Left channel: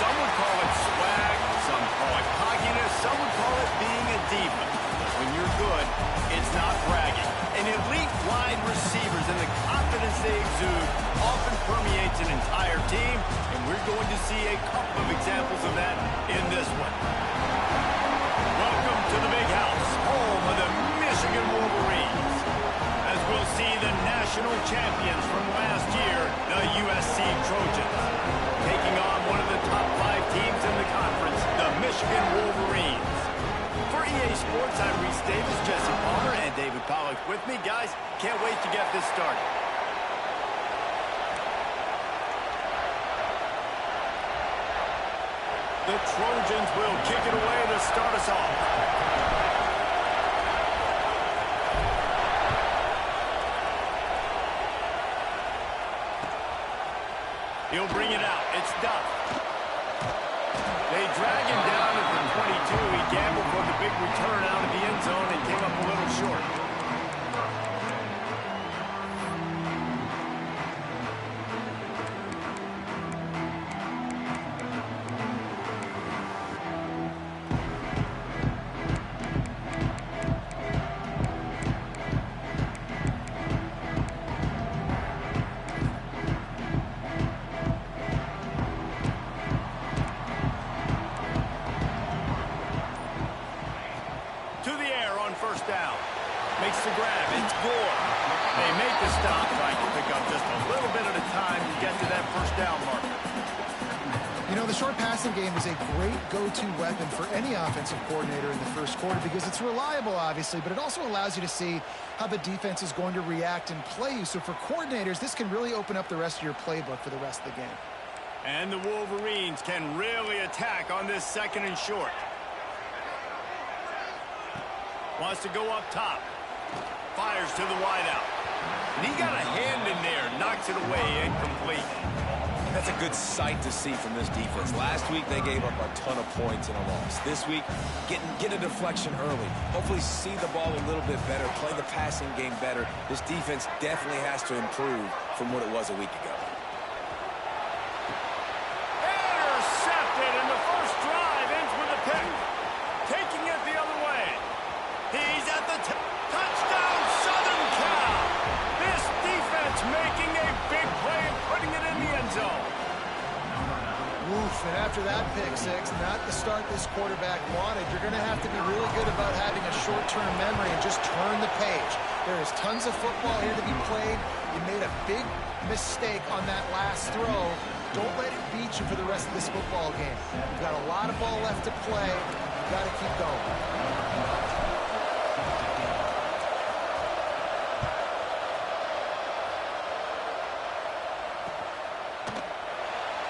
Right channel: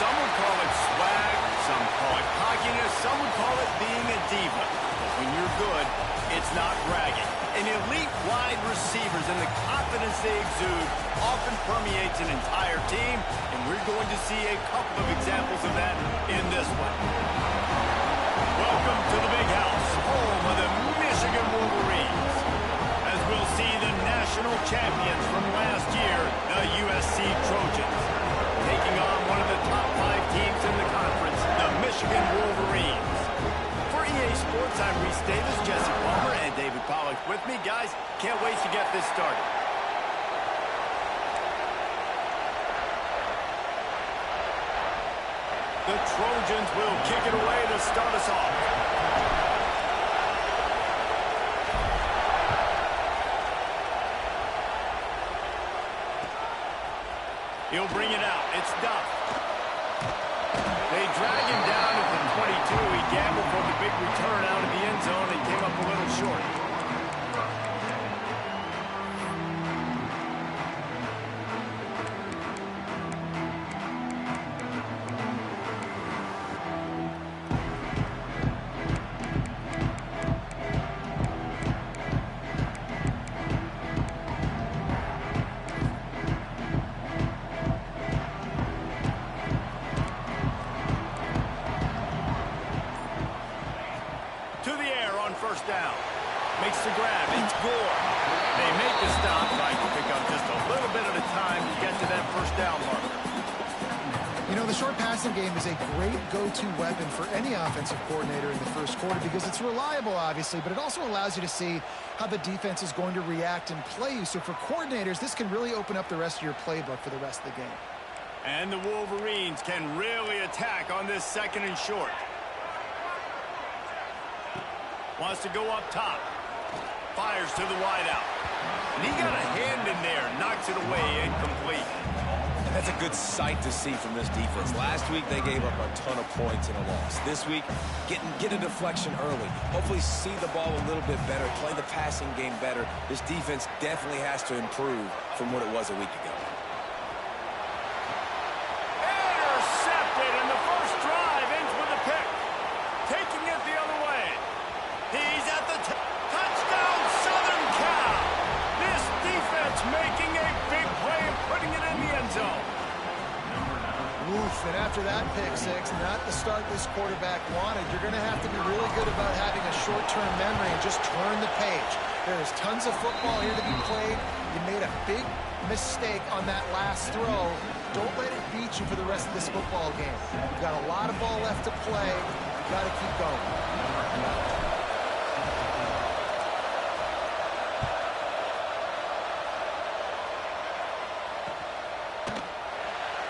Some would call it swag, some call it cockiness, some would call it being a diva. But when you're good, it's not bragging. And elite wide receivers and the confidence they exude often permeates an entire team, and we're going to see a couple of examples of that in this one. Welcome to the Big House, home of the Michigan Wolverines, as we'll see the national champions from last year, the USC Trojans, taking on one of the top 5 teams in the conference, the Michigan Wolverines. For EA Sports, I'm Reese Davis, Jesse Palmer, and David Pollack with me. Guys, can't wait to get this started. The Trojans will kick it away to start us off. He'll bring it out. It's Duff. They drag him down at the 22. He gambled for the big return out of the end zone and came up a little short. First down. Makes the grab. It's Gore. They make the stop, trying to pick up just a little bit at a time to get to that first down marker. You know, the short passing game is a great go-to weapon for any offensive coordinator in the first quarter because it's reliable, obviously, but it also allows you to see how the defense is going to react and play you. So for coordinators, this can really open up the rest of your playbook for the rest of the game. And the Wolverines can really attack on this second and short. Wants to go up top. Fires to the wideout. And he got a hand in there. Knocks it away. Incomplete. And that's a good sight to see from this defense. Last week, they gave up a ton of points in a loss. This week, get a deflection early. Hopefully see the ball a little bit better. Play the passing game better. This defense definitely has to improve from what it was a week ago. Intercepted. And the first drive ends with a pick. Taking it the other way. He's at the touchdown, Southern Cal. This defense making a big play and putting it in the end zone. Oof, and after that pick six, not the start this quarterback wanted. You're going to have to be really good about having a short-term memory and just turn the page. There is tons of football here to be played. You made a big mistake on that last throw. Don't let it beat you for the rest of this football game. You've got a lot of ball left to play. You've got to keep going.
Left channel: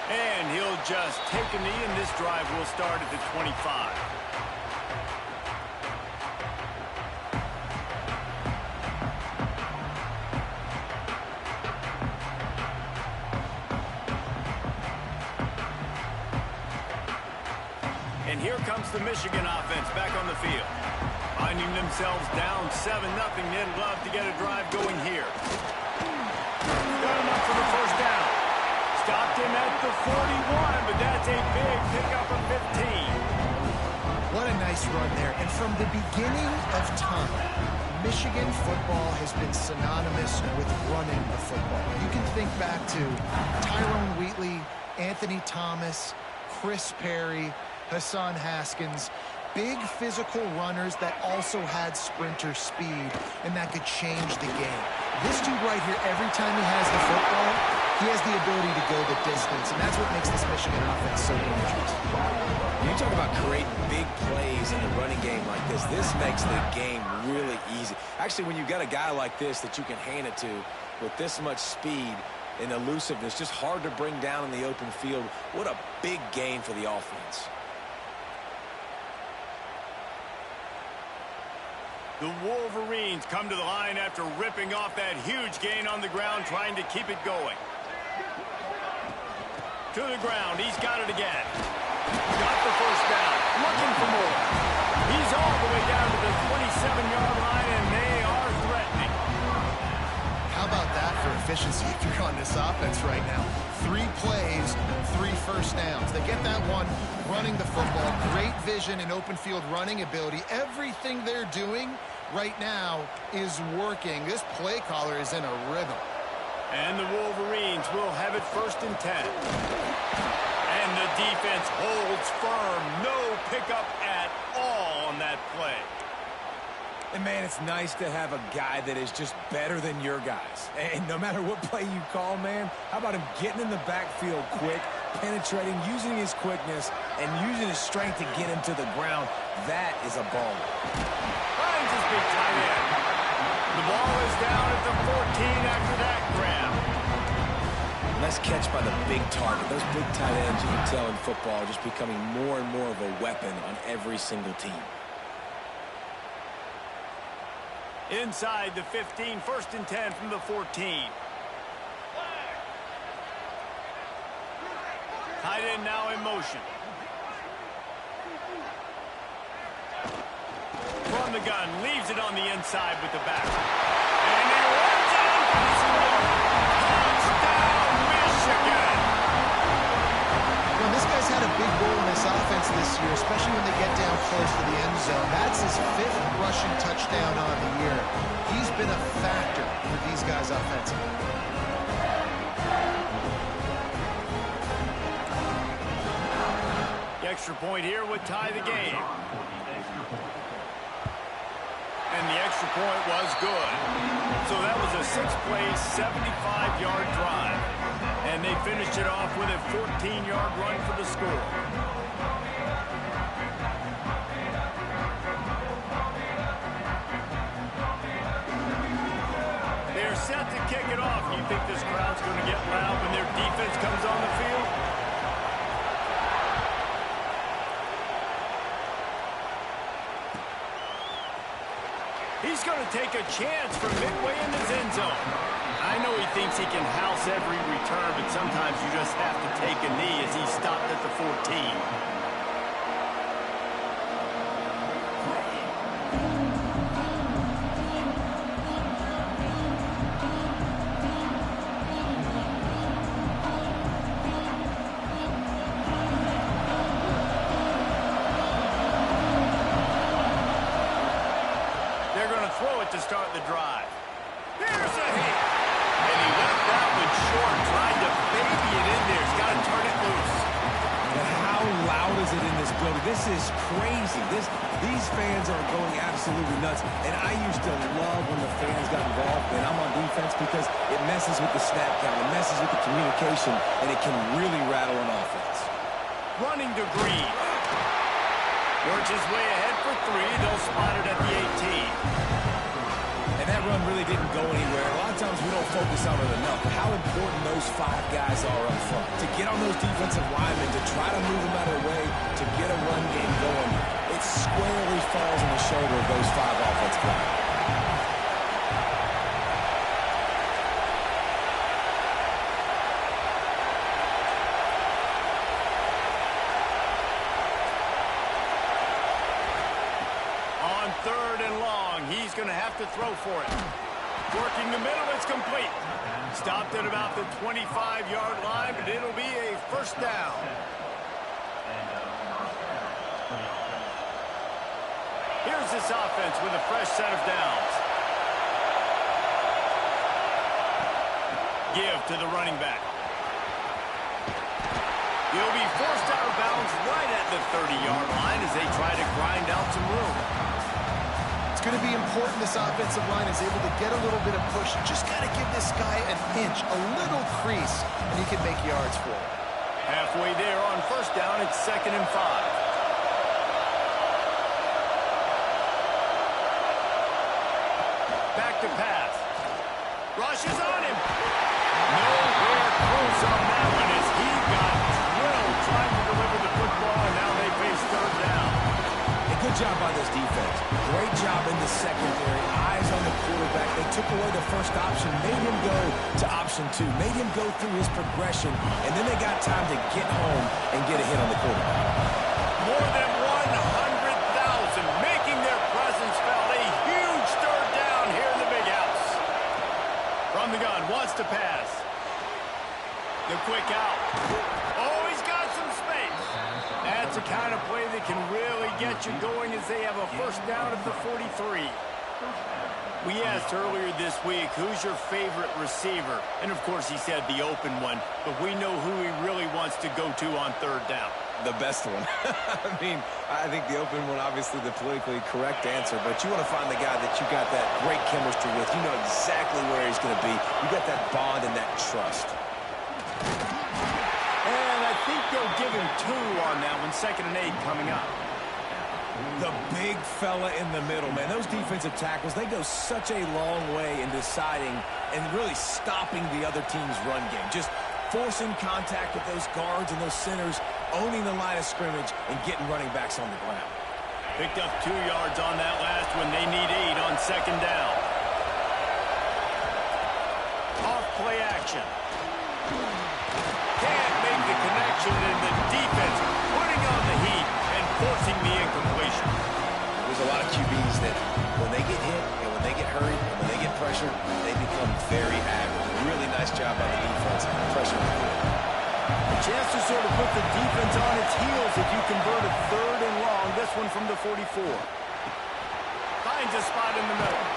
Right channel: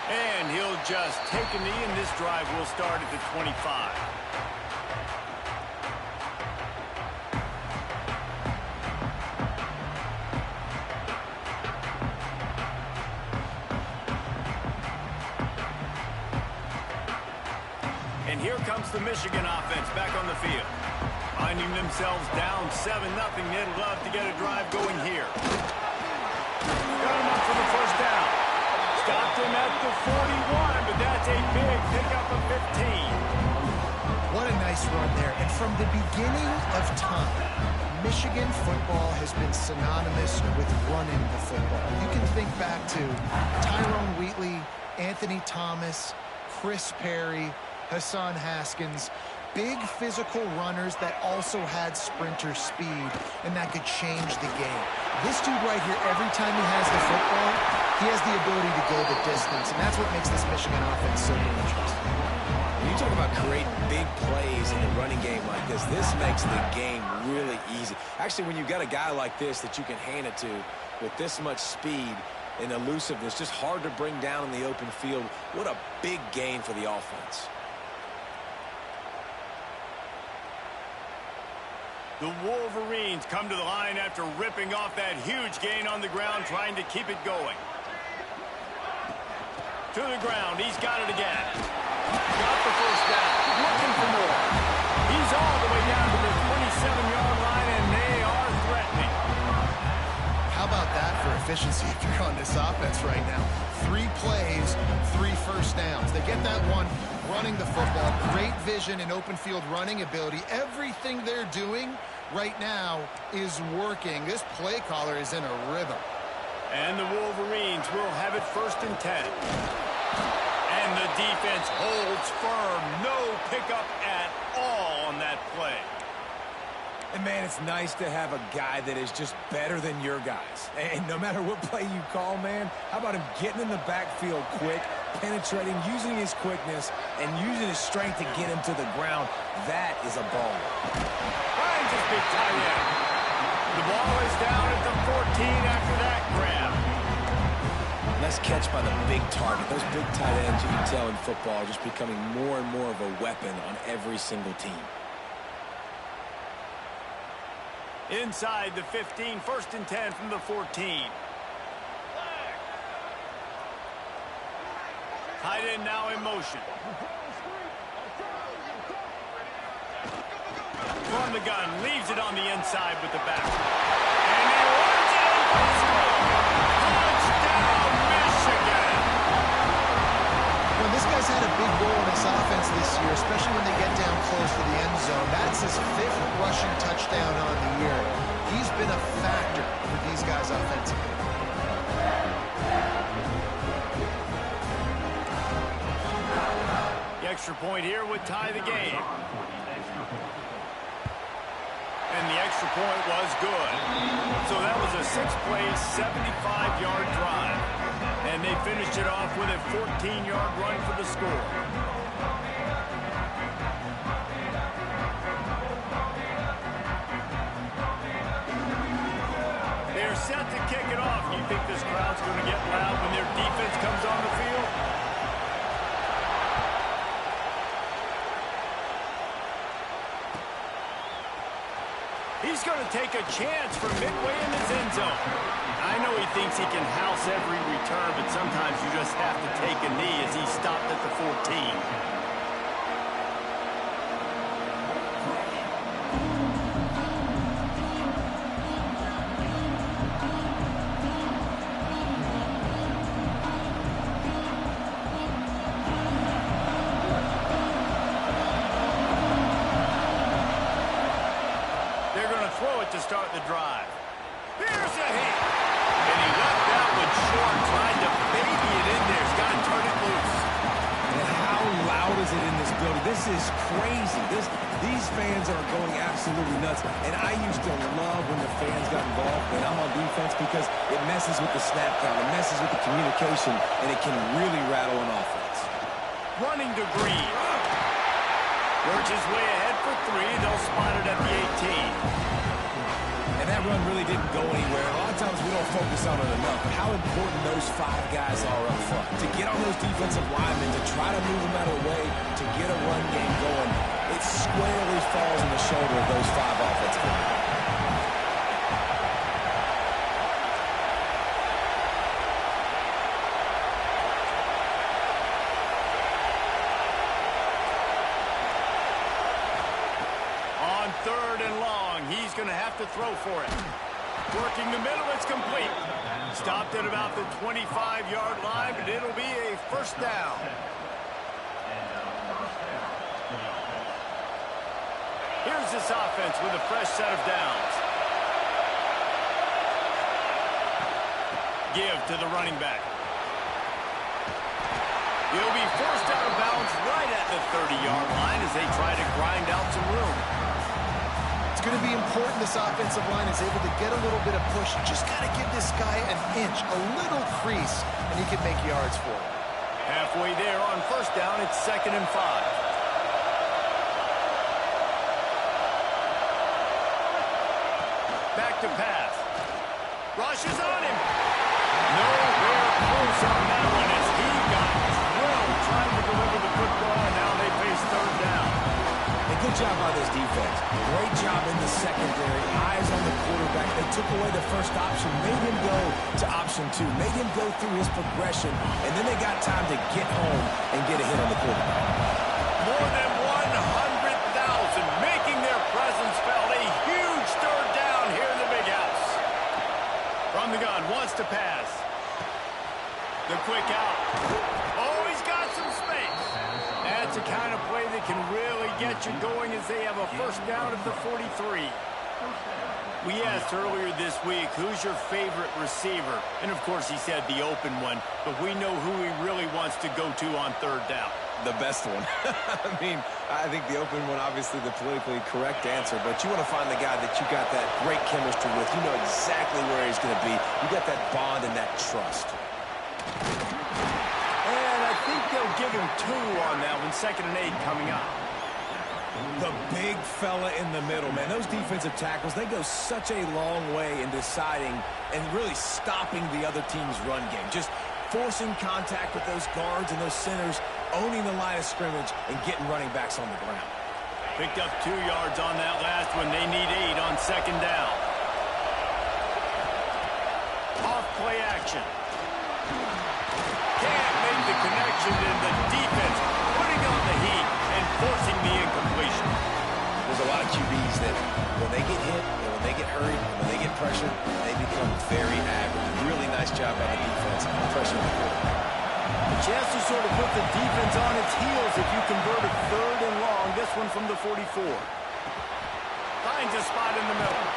And he'll just take a knee, and this drive will start at the 25. And here comes the Michigan offense back on the field. Finding themselves down 7-0, they'd love to get a drive going here. Got enough for the first down. Stopped him at the 41, but that's a big pickup of 15. What a nice run there. And from the beginning of time, Michigan football has been synonymous with running the football. You can think back to Tyrone Wheatley, Anthony Thomas, Chris Perry, Hassan Haskins. Big physical runners that also had sprinter speed and that could change the game. This dude right here, every time he has the football, he has the ability to go the distance, and that's what makes this Michigan offense so dangerous. When you talk about creating big plays in the running game like this makes the game really easy. Actually, when you've got a guy like this that you can hand it to with this much speed and elusiveness, just hard to bring down in the open field, what a big gain for the offense. The Wolverines come to the line after ripping off that huge gain on the ground, trying to keep it going. To the ground, he's got it again. Got the first down, looking for more. He's all the way down to the 27-yard line, and they are threatening. How about that for efficiency if you're on this offense right now? 3 plays, 3 first downs. They get that one running the football. Great vision and open field running ability. Everything they're doing right now is working. This play caller is in a rhythm. And the Wolverines will have it 1st and 10. And the defense holds firm. No pickup at all on that play. And, man, it's nice to have a guy that is just better than your guys. And no matter what play you call, man, how about him getting in the backfield quick, penetrating, using his quickness, and using his strength to get him to the ground? That is a baller. Finds his big tight end. The ball is down at the 14 after that grab. Nice catch by the big target. Those big tight ends, you can tell in football, are just becoming more and more of a weapon on every single team. Inside the 15, 1st and 10 from the 14. Tight end now in motion. From the gun, leaves it on the inside with the back. And he runs it in for the score. Touchdown, Michigan! Well, this guy's had a big role in this offense this year, especially when they get down close to the end zone. That's his 5th rushing touchdown on the year. He's been a factor for these guys offensively. The extra point here would tie the game. And the extra point was good. So that was a 6-play, 75-yard drive. And they finished it off with a 14-yard run for the score. They're set to kick it off. You think this crowd's going to get loud when their defense comes on the field? He's going to take a chance from midway in his end zone. I know he thinks he can house every return, but sometimes you just have to take a knee as he stopped at the 14. They're going to throw it to start the drive. Here's a hit. And he left that one short, tried to baby it in there. He's got to turn it loose. And how loud is it in this building? This is crazy. These fans are going absolutely nuts. And I used to love when the fans got involved when I'm on defense because it messes with the snap count. It messes with the communication, and it can really rattle an offense. Running to Green. Works his way ahead for 3. They'll spot it at the 18. And that run really didn't go anywhere. A lot of times we don't focus on it enough, but how important those 5 guys are up front. To get on those defensive linemen, to try to move them out of the way, to get a run game going, it squarely falls on the shoulder of those 5 offensive linemen. On 3rd and long, he's going to have to throw for it. Working the middle, it's complete. Stopped at about the 25-yard line, but it'll be a 1st down. Here's this offense with a fresh set of downs. Give to the running back. He'll be forced out of bounds right at the 30-yard line as they try to grind out some room. It's going to be important this offensive line is able to get a little bit of push. Just got to give this guy an inch, a little crease, and he can make yards for it. Halfway there on 1st down, it's 2nd and 5. Back to pass. Rushes on him. Nowhere close on that one as he got drilled trying to deliver the football, and now they face 3rd down. And good job by this defense. Great job in the secondary. Eyes on the quarterback. They took away the first option, made him go to option 2, made him go through his progression, and then they got time to get home and get a hit on the quarterback. More than 100,000 making their presence felt. A huge 3rd down here in the big house. From the gun, wants to pass. The quick out. Oh, he's got some space. That's the kind of play that can really get you going as they have a first down at the 43. We asked earlier this week, who's your favorite receiver? And, of course, he said the open one, but we know who he really wants to go to on third down. The best one. I mean, I think the open one, obviously the politically correct answer, but you want to find the guy that you got that great chemistry with. You know exactly where he's going to be. You got that bond and that trust. And I think they'll give him 2 on that one, 2nd and 8 coming up. The big fella in the middle, man. Those defensive tackles, they go such a long way in deciding and really stopping the other team's run game. Just forcing contact with those guards and those centers, owning the line of scrimmage, and getting running backs on the ground. Picked up 2 yards on that last one. They need 8 on 2nd down. Off play action. Can't make the connection, and the defense putting on the heat and forcing the incompletion. There's a lot of QBs that when they get hit and when they get hurried and when they get pressured, they become very average. Really nice job by the defense pressuring the quarterback. A chance to sort of put the defense on its heels if you convert a 3rd and long. This one from the 44. Finds a spot in the middle.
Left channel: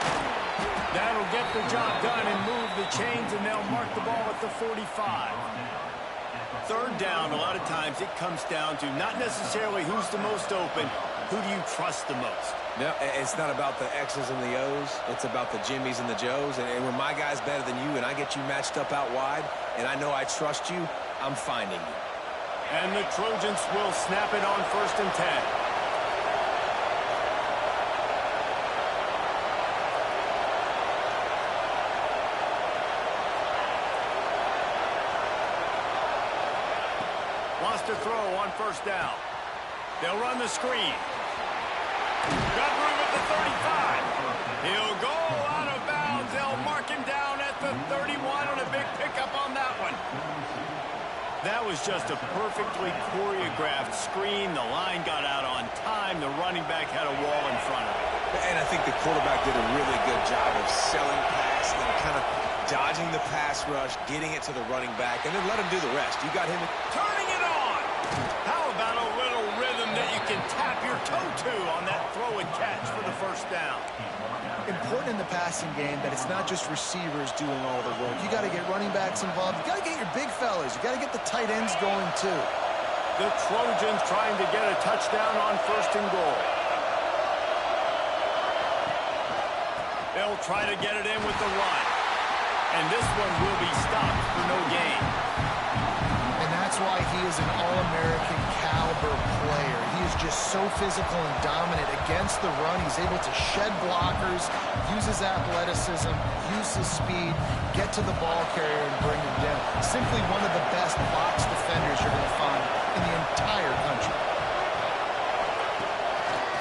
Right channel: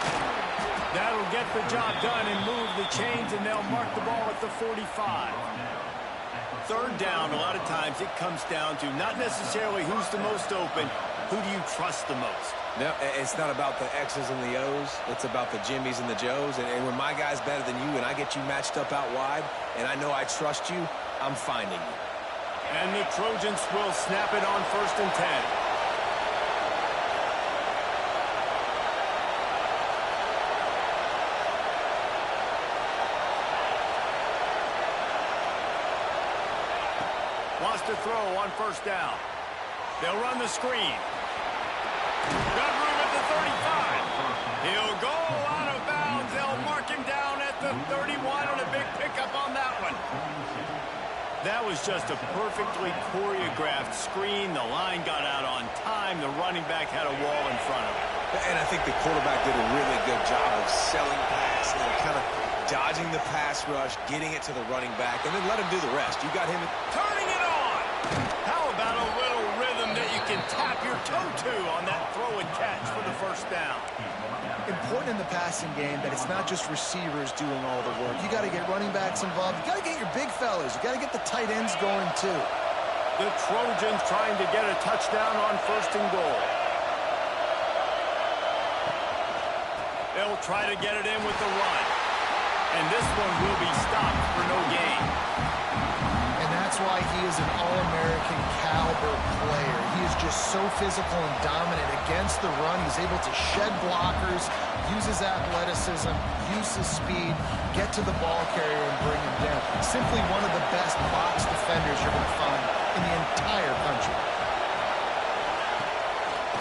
That'll get the job done and move the chains, and they'll mark the ball at the 45. 3rd down, a lot of times it comes down to not necessarily who's the most open, who do you trust the most? No, it's not about the X's and the O's. It's about the Jimmys and the Joes. And when my guy's better than you and I get you matched up out wide and I know I trust you, I'm finding you. And the Trojans will snap it on 1st and 10. Wants to throw on 1st down. They'll run the screen. Got room at the 35. He'll go out of bounds. They'll mark him down at the 31 and a big pickup on that one. That was just a perfectly choreographed screen. The line got out on time. The running back had a wall in front of him. And I think the quarterback did a really good job of selling pass and then kind of dodging the pass rush, getting it to the running back, and then let him do the rest. You got him turning it on. How about a little rhythm that you can tap your toe to on that throw and catch for the 1st down? Important in the passing game that it's not just receivers doing all the work. You got to get running backs involved. You got to get your big fellas. You got to get the tight ends going too. The Trojans trying to get a touchdown on 1st and goal. They'll try to get it in with the run. And this one will be stopped for no gain. And that's why he is an all-American caliber player. He is just so physical and dominant against the run. He's able to shed blockers, use his athleticism, use his speed, get to the ball carrier and bring him down. Simply one of the best box defenders you're going to find in the entire country.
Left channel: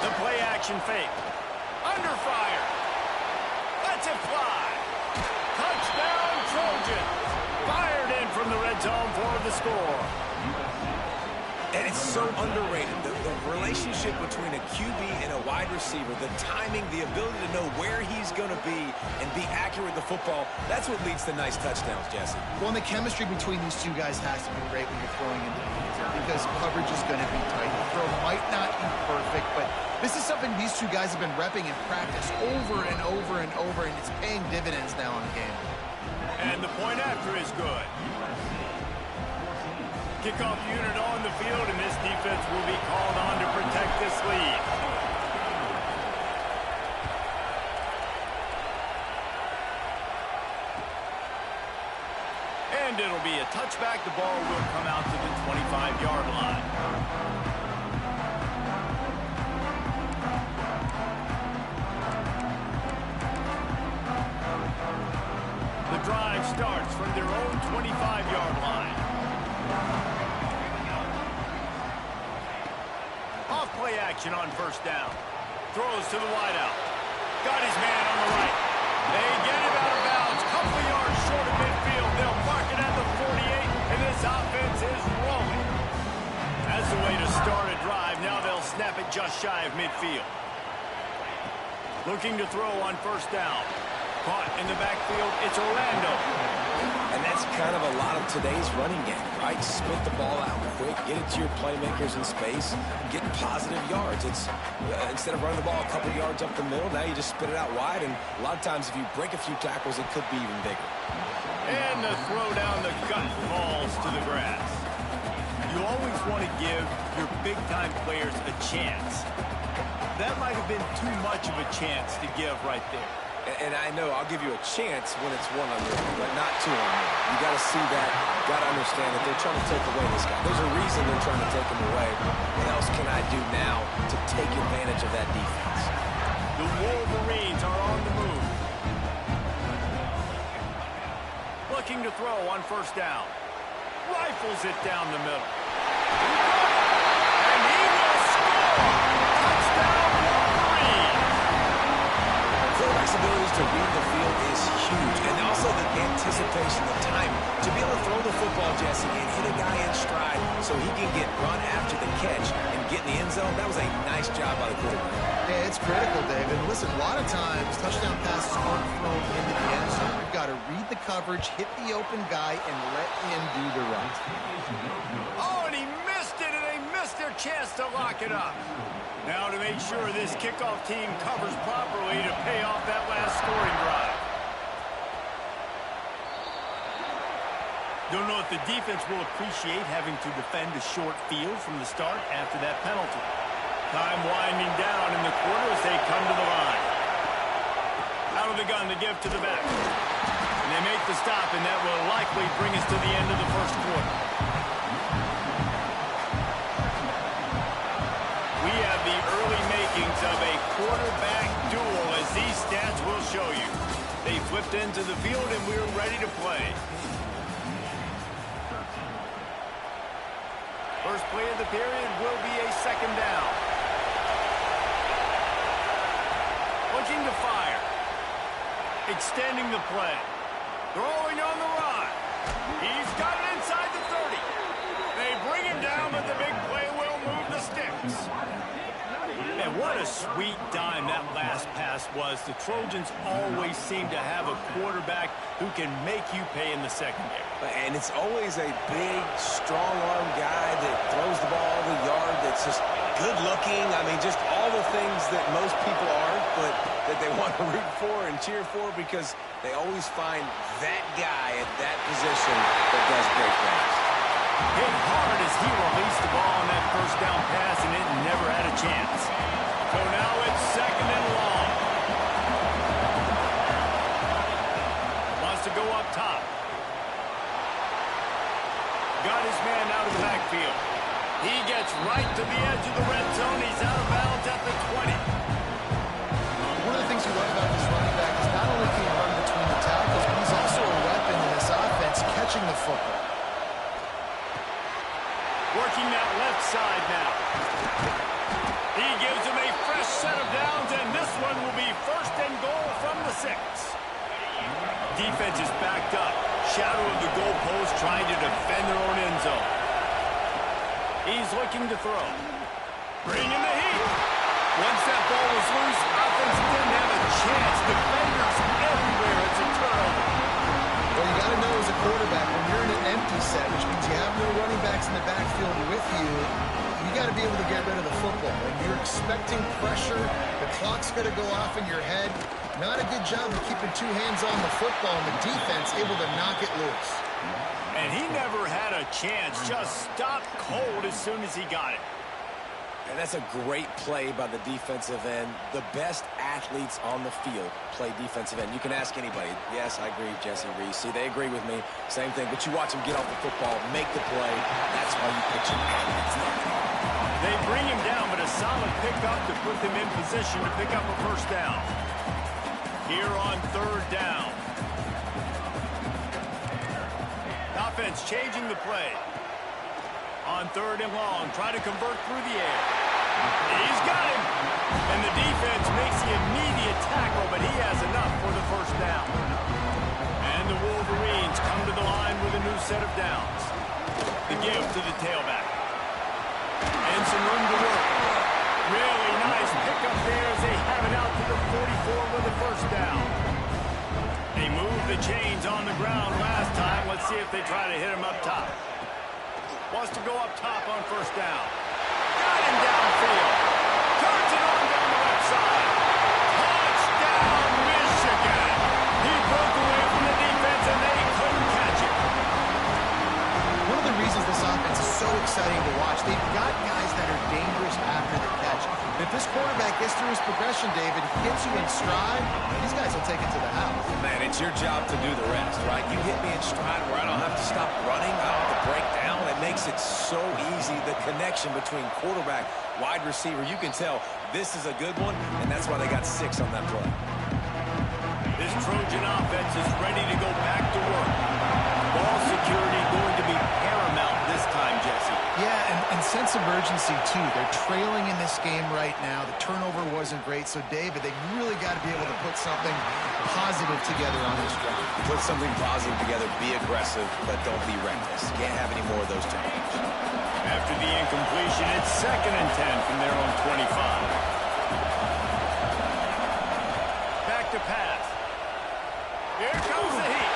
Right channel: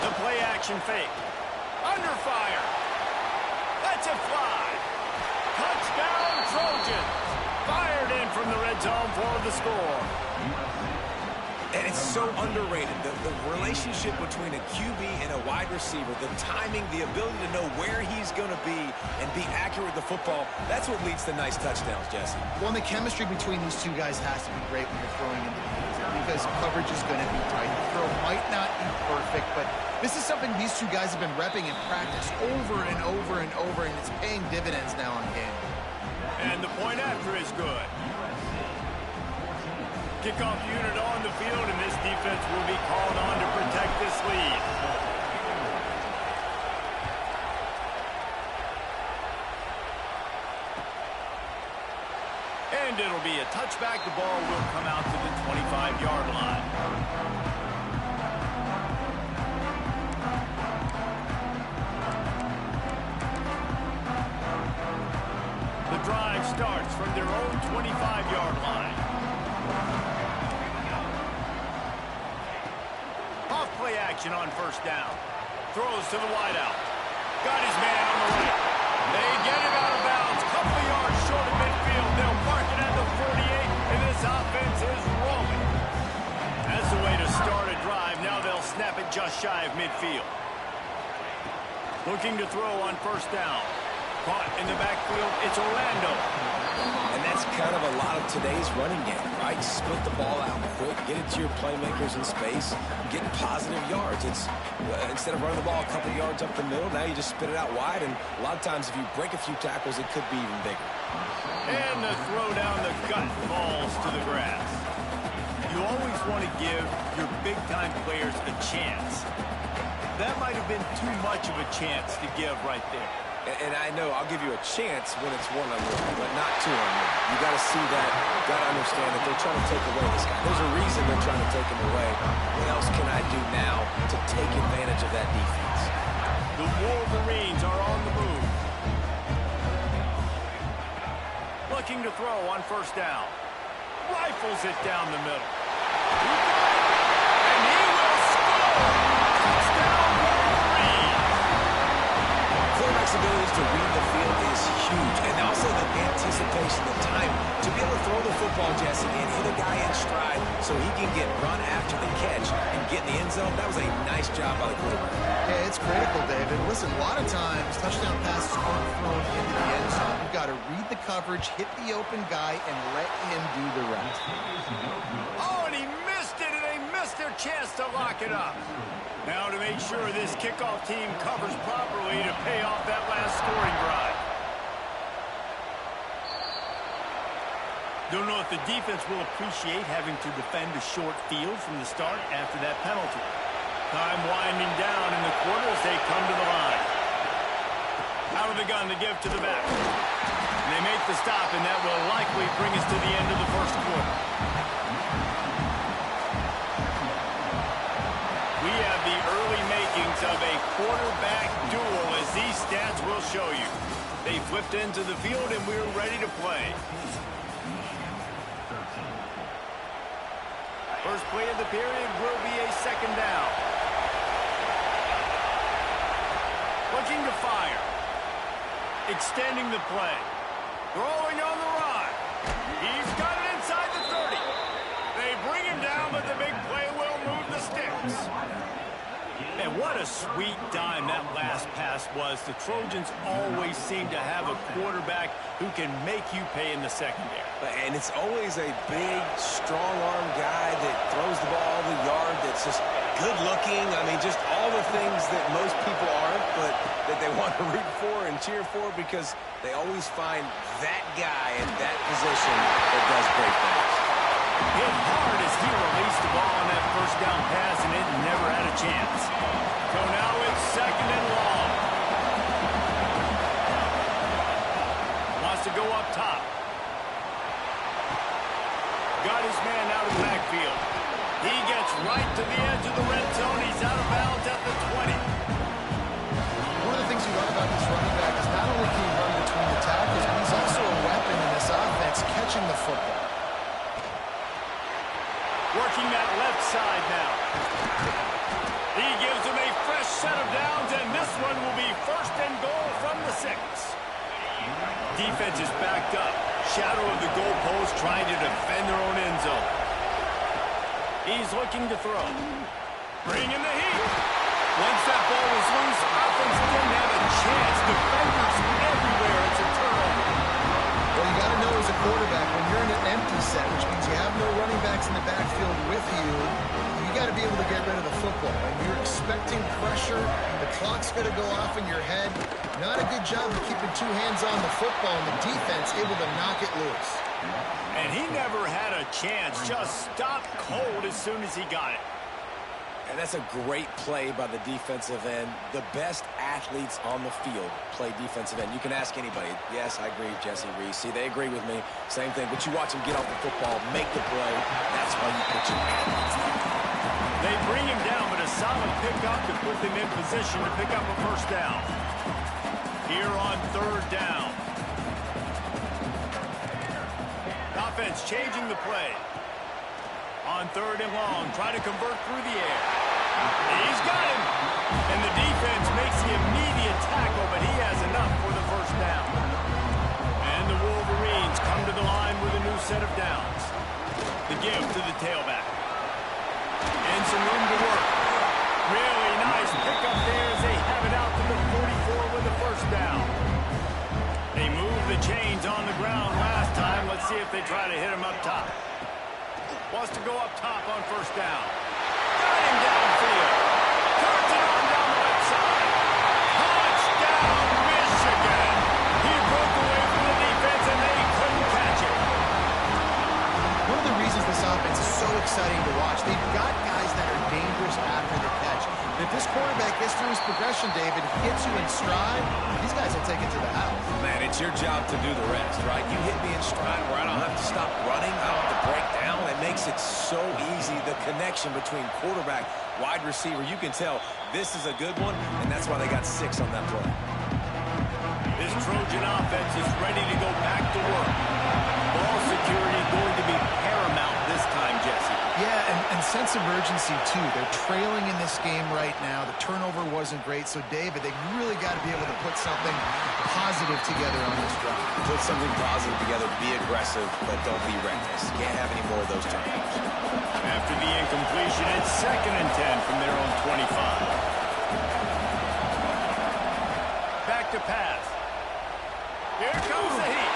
The play action fake. Under fire. Lets it fly. Touchdown, Trojans. Fired in from the red zone for the score. And it's so underrated. The relationship between a QB and a wide receiver, the timing, the ability to know where he's going to be and be accurate with the football, that's what leads to nice touchdowns, Jesse. Well, and the chemistry between these two guys has to be great when you're throwing into the field because coverage is going to be tight. The throw might not be perfect, but this is something these two guys have been repping in practice over and over and over, and it's paying dividends now on game. And the point after is good. Kickoff unit on the field, and this defense will be called on to protect this lead. And it'll be a touchback. The ball will come out to the 25-yard line. The drive starts from their own 25-yard line. Off play action on 1st down. Throws to the wideout. Got his man on the right. They get him out of bounds. Couple of yards short of midfield. They'll mark it at the 48, and this offense is rolling. That's the way to start a drive. Now they'll snap it just shy of midfield. Looking to throw on 1st down. Caught in the backfield, it's Orlando. And that's kind of a lot of today's running game, right? Spit the ball out quick, get it to your playmakers in space, get positive yards. It's instead of running the ball a couple yards up the middle, now you just spit it out wide, and a lot of times if you break a few tackles, it could be even bigger. And the throw down the gut falls to the grass. You always want to give your big-time players a chance. That might have been too much of a chance to give right there. And I know I'll give you a chance when it's one-on-one, but not two-on-one. You got to see that, got to understand that they're trying to take away this guy. There's a reason they're trying to take him away. What else can I do now to take advantage of that defense? The Wolverines are on the move. Looking to throw on first down. Rifles it down the middle. He got it! And he will score! Touchdown, Wolverines! Quarterback's abilities to read the field is huge, and also the anticipation, the time to be able to throw the football, Jesse, and hit a guy in stride so he can get run after the catch and get in the end zone. That was a nice job by the quarterback. Yeah, it's critical, David. Listen, a lot of times touchdown passes aren't thrown into the end zone. You've got to read the coverage, hit the open guy, and let him do the rest. Oh, and he missed it, and they missed their chance to lock it up. Now to make sure this kickoff team covers properly to pay off that last scoring drive. Don't know if the defense will appreciate having to defend a short field from the start after that penalty. Time winding down in the quarter as they come to the line. Out of the gun to give to the back. And they make the stop, and that will likely bring us to the end of the first quarter. We have the early makings of a quarterback duel, as these stats will show you. They flipped into the field, and we're ready to play. First play of the period will be a second down. Looking to fire. Extending the play. Throwing on the run. He's got it inside the 30. They bring him down, but the big play will move the sticks. And what a sweet dime that last pass was. The Trojans always seem to have a quarterback who can make you pay in the secondary. And it's always a big, strong-arm guy that throws the ball the yard, that's just good-looking. I mean, just all the things that most people aren't, but that they want to root for and cheer for, because they always find that guy at that position that does great things. Hit hard as he released the ball on that first down pass, and it never had a chance. So now it's second and long. Wants to go up top. Got his man out of the backfield. He gets right to the edge of the red zone. He's out of bounds at the 20. One of the things you love about this running back is not only can he run between the tackles, but he's also a weapon in this offense, catching the football. Working that left side now. He gives him a fresh set of downs, and this one will be first and goal from the 6. Defense is backed up. Shadow of the goalpost, trying to defend their own end zone. He's looking to throw. Bring in the heat. Once that ball was loose, offense didn't have a chance. Defenders everywhere. It's a turnover. Well, you got to know as a quarterback, when you're in an empty set, which means you have no running backs in the backfield with you, you got to be able to get rid of the football. And you're expecting pressure. The clock's going to go off in your head. Not a good job of keeping two hands on the football, and the defense able to knock it loose. And he never had a chance. Just stopped cold as soon as he got it. And that's a great play by the defensive end. The best athletes on the field play defensive end. You can ask anybody. Yes, I agree, Jesse Reese. See, they agree with me. Same thing. But you watch them get off the football, make the play. That's why you put your athletes there. They bring him down, but a solid pickup to put them in position to pick up a first down. Here on third down. Offense changing the play. On third and long, try to convert through the air. He's got him. And the defense makes the immediate tackle, but he has enough for the first down. And the Wolverines come to the line with a new set of downs. The give to the tailback. And some room to work. Really nice pickup there as they have it out to the 44 with the first down. the chains on the ground last time. Let's see if they try to hit him up top. Wants to go up top on first down. Got him downfield. Turns it on down the left side. Touchdown, Michigan. He broke away from the defense, and they couldn't catch it. One of the reasons this offense is so exciting to watch, they've got guys that are dangerous after the catch. If this quarterback gets through his progression, David, hits you in stride, these guys will take it to the house. Man, it's your job to do the rest, right? You hit me in stride where I don't have to stop running. I don't have to break down. It makes it so easy. The connection between quarterback, wide receiver, you can tell this is a good one, and that's why they got 6 on that play. This Trojan offense is ready to go back to work. Ball security going to be paramount this time, Jesse. Yeah, and sense of urgency, too. They're trailing in this game right now. The turnover wasn't great. So, David, they really got to be able to put something positive together on this drive. Put something positive together, be aggressive, but don't be reckless. Can't have any more of those turnovers. After the incompletion, it's 2nd and 10 from their own 25. Back to pass. Here comes the heat.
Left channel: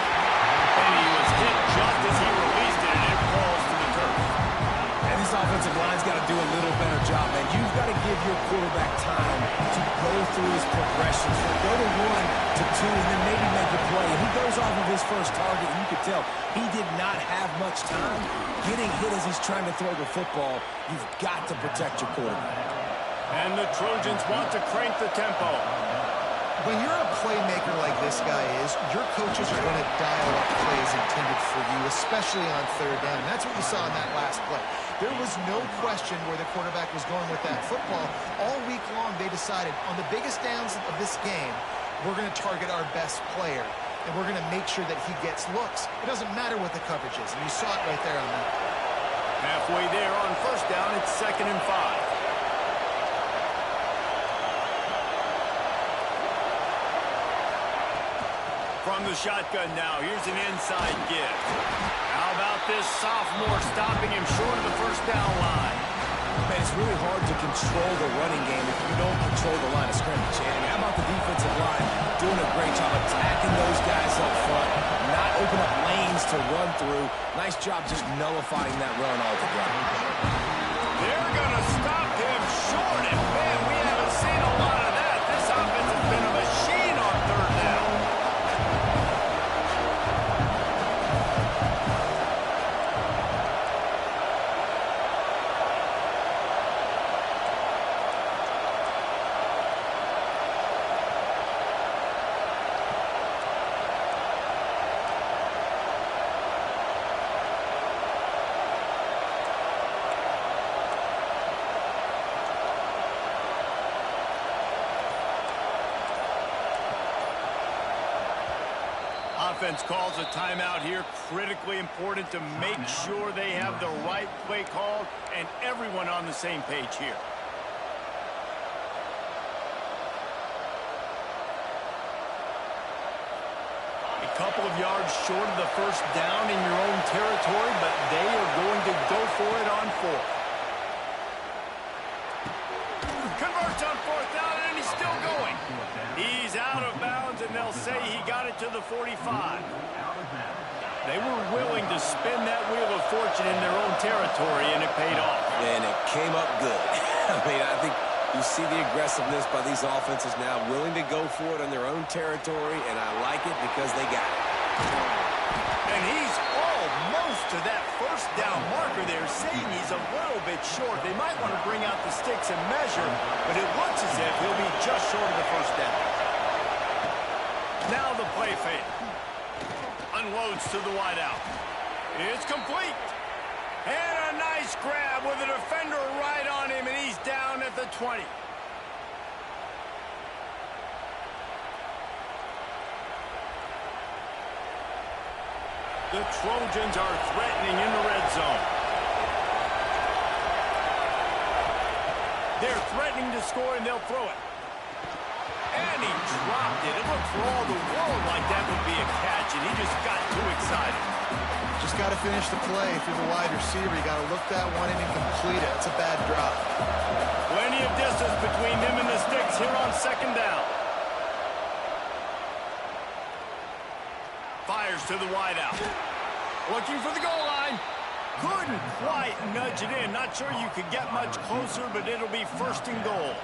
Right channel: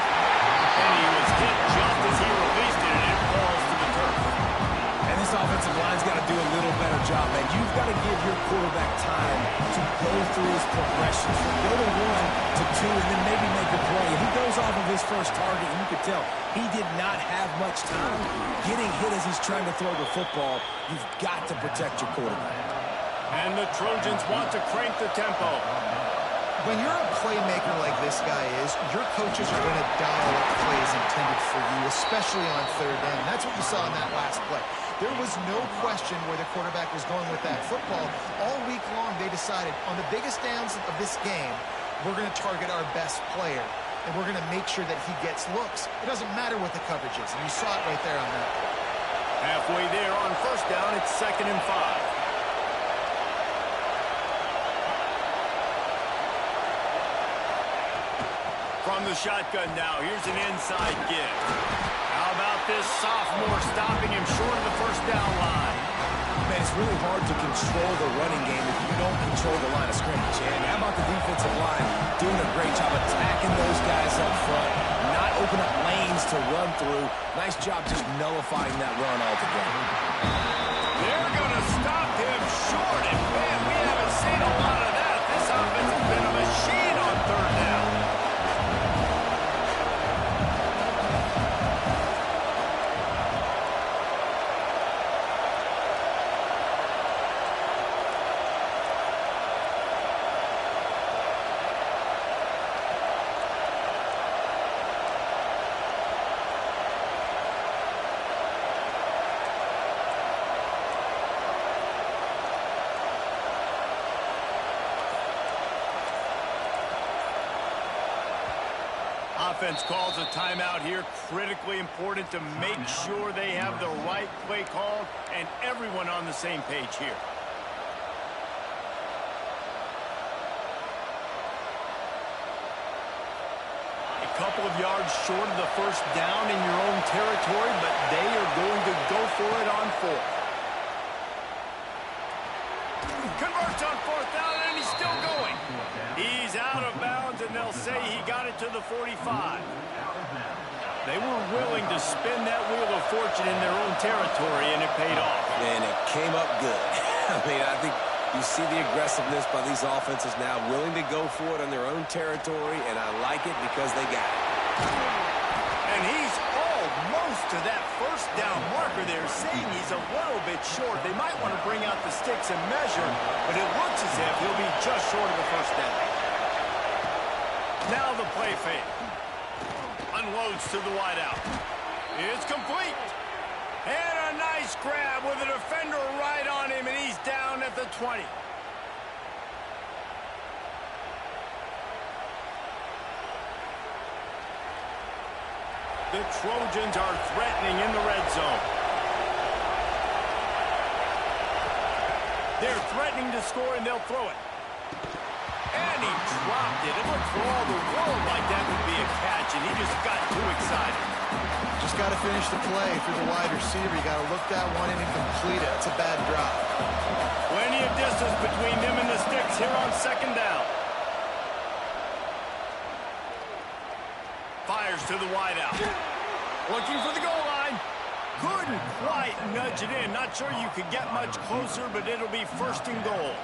And he was hit just as he released it, and it falls to the turf. And this offensive line's got to do a little better job, man. You've got to give your quarterback time to go through his progressions. So go to 1 to 2 and then maybe make a play. And he goes off of his first target, and you could tell he did not have much time getting hit as he's trying to throw the football. You've got to protect your quarterback. And the Trojans want to crank the tempo. When you're a playmaker like this guy is, your coaches are going to dial up plays intended for you, especially on 3rd down. That's what you saw in that last play. There was no question where the quarterback was going with that football. All week long, they decided on the biggest downs of this game, we're going to target our best player, and we're going to make sure that he gets looks. It doesn't matter what the coverage is, and you saw it right there on that play. Halfway there on first down, it's 2nd and 5. From the shotgun now, here's an inside give. How about this sophomore stopping him short of the first down line? Man, it's really hard to control the running game if you don't control the line of scrimmage. And how about the defensive line doing a great job attacking those guys up front, not open up lanes to run through. Nice job just nullifying that run altogether. They're going to stop him short, and man, we haven't seen a lot of that. This offense has been a machine on 3rd down. Offense calls a timeout here. Critically important to make sure they have the right play called and everyone on the same page here. A couple of yards short of the first down in your own territory, but they are going to go for it on 4th. Converts on 4th down, and he's still going. He's out of bounds, and they'll say he got it to the 45. They were willing to spin that wheel of fortune in their own territory, and it paid off. And it came up good. I mean, I think you see the aggressiveness by these offenses now, willing to go for it on their own territory, and I like it because they got it. And he's almost to that first down marker there, saying he's a little bit short. They might want to bring out the sticks and measure, but it looks as if he'll be just short of the first down. Now the play fake. Unloads to the wideout. It's complete. And a nice grab with a defender right on him, and he's down at the 20. The Trojans are threatening in the red zone. They're threatening to score, and they'll throw it. And he dropped it. It looked for all the world like that would be a catch, and he just got too excited. Just got to finish the play through the wide receiver. You got to look that one in and complete it. It's a bad drop. Plenty of distance between them and the sticks here on 2nd down. Fires to the wideout. Looking for the goal line. Couldn't quite nudge it in. Not sure you could get much closer, but it'll be first and goal.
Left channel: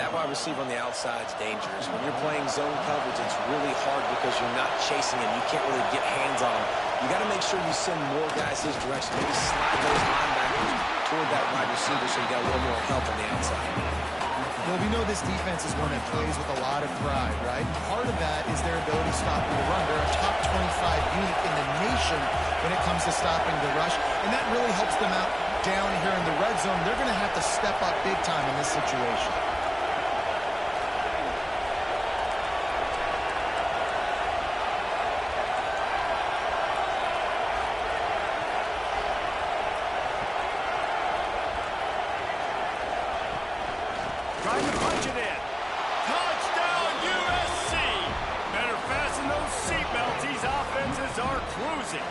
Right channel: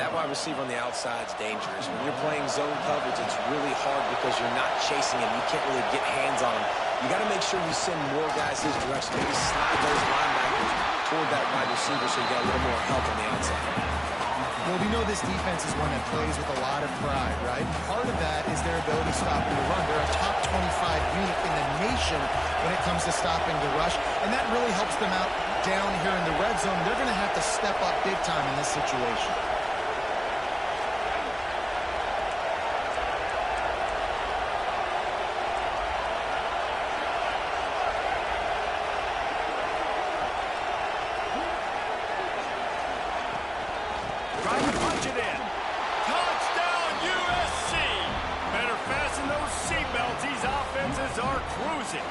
That wide receiver on the outside is dangerous. When you're playing zone coverage, it's really hard because you're not chasing him. You can't really get hands on him. You got to make sure you send more guys his direction. Maybe slide those linebackers toward that wide receiver so you got a little more help on the outside. Well, we know this defense is one that plays with a lot of pride, right? Part of that is their ability stopping the run. They're a top 25 unit in the nation when it comes to stopping the rush, and that really helps them out down here in the red zone. They're going to have to step up big time in this situation. Trying to punch it in. Touchdown, USC. Better fasten those seatbelts. These offenses are cruising.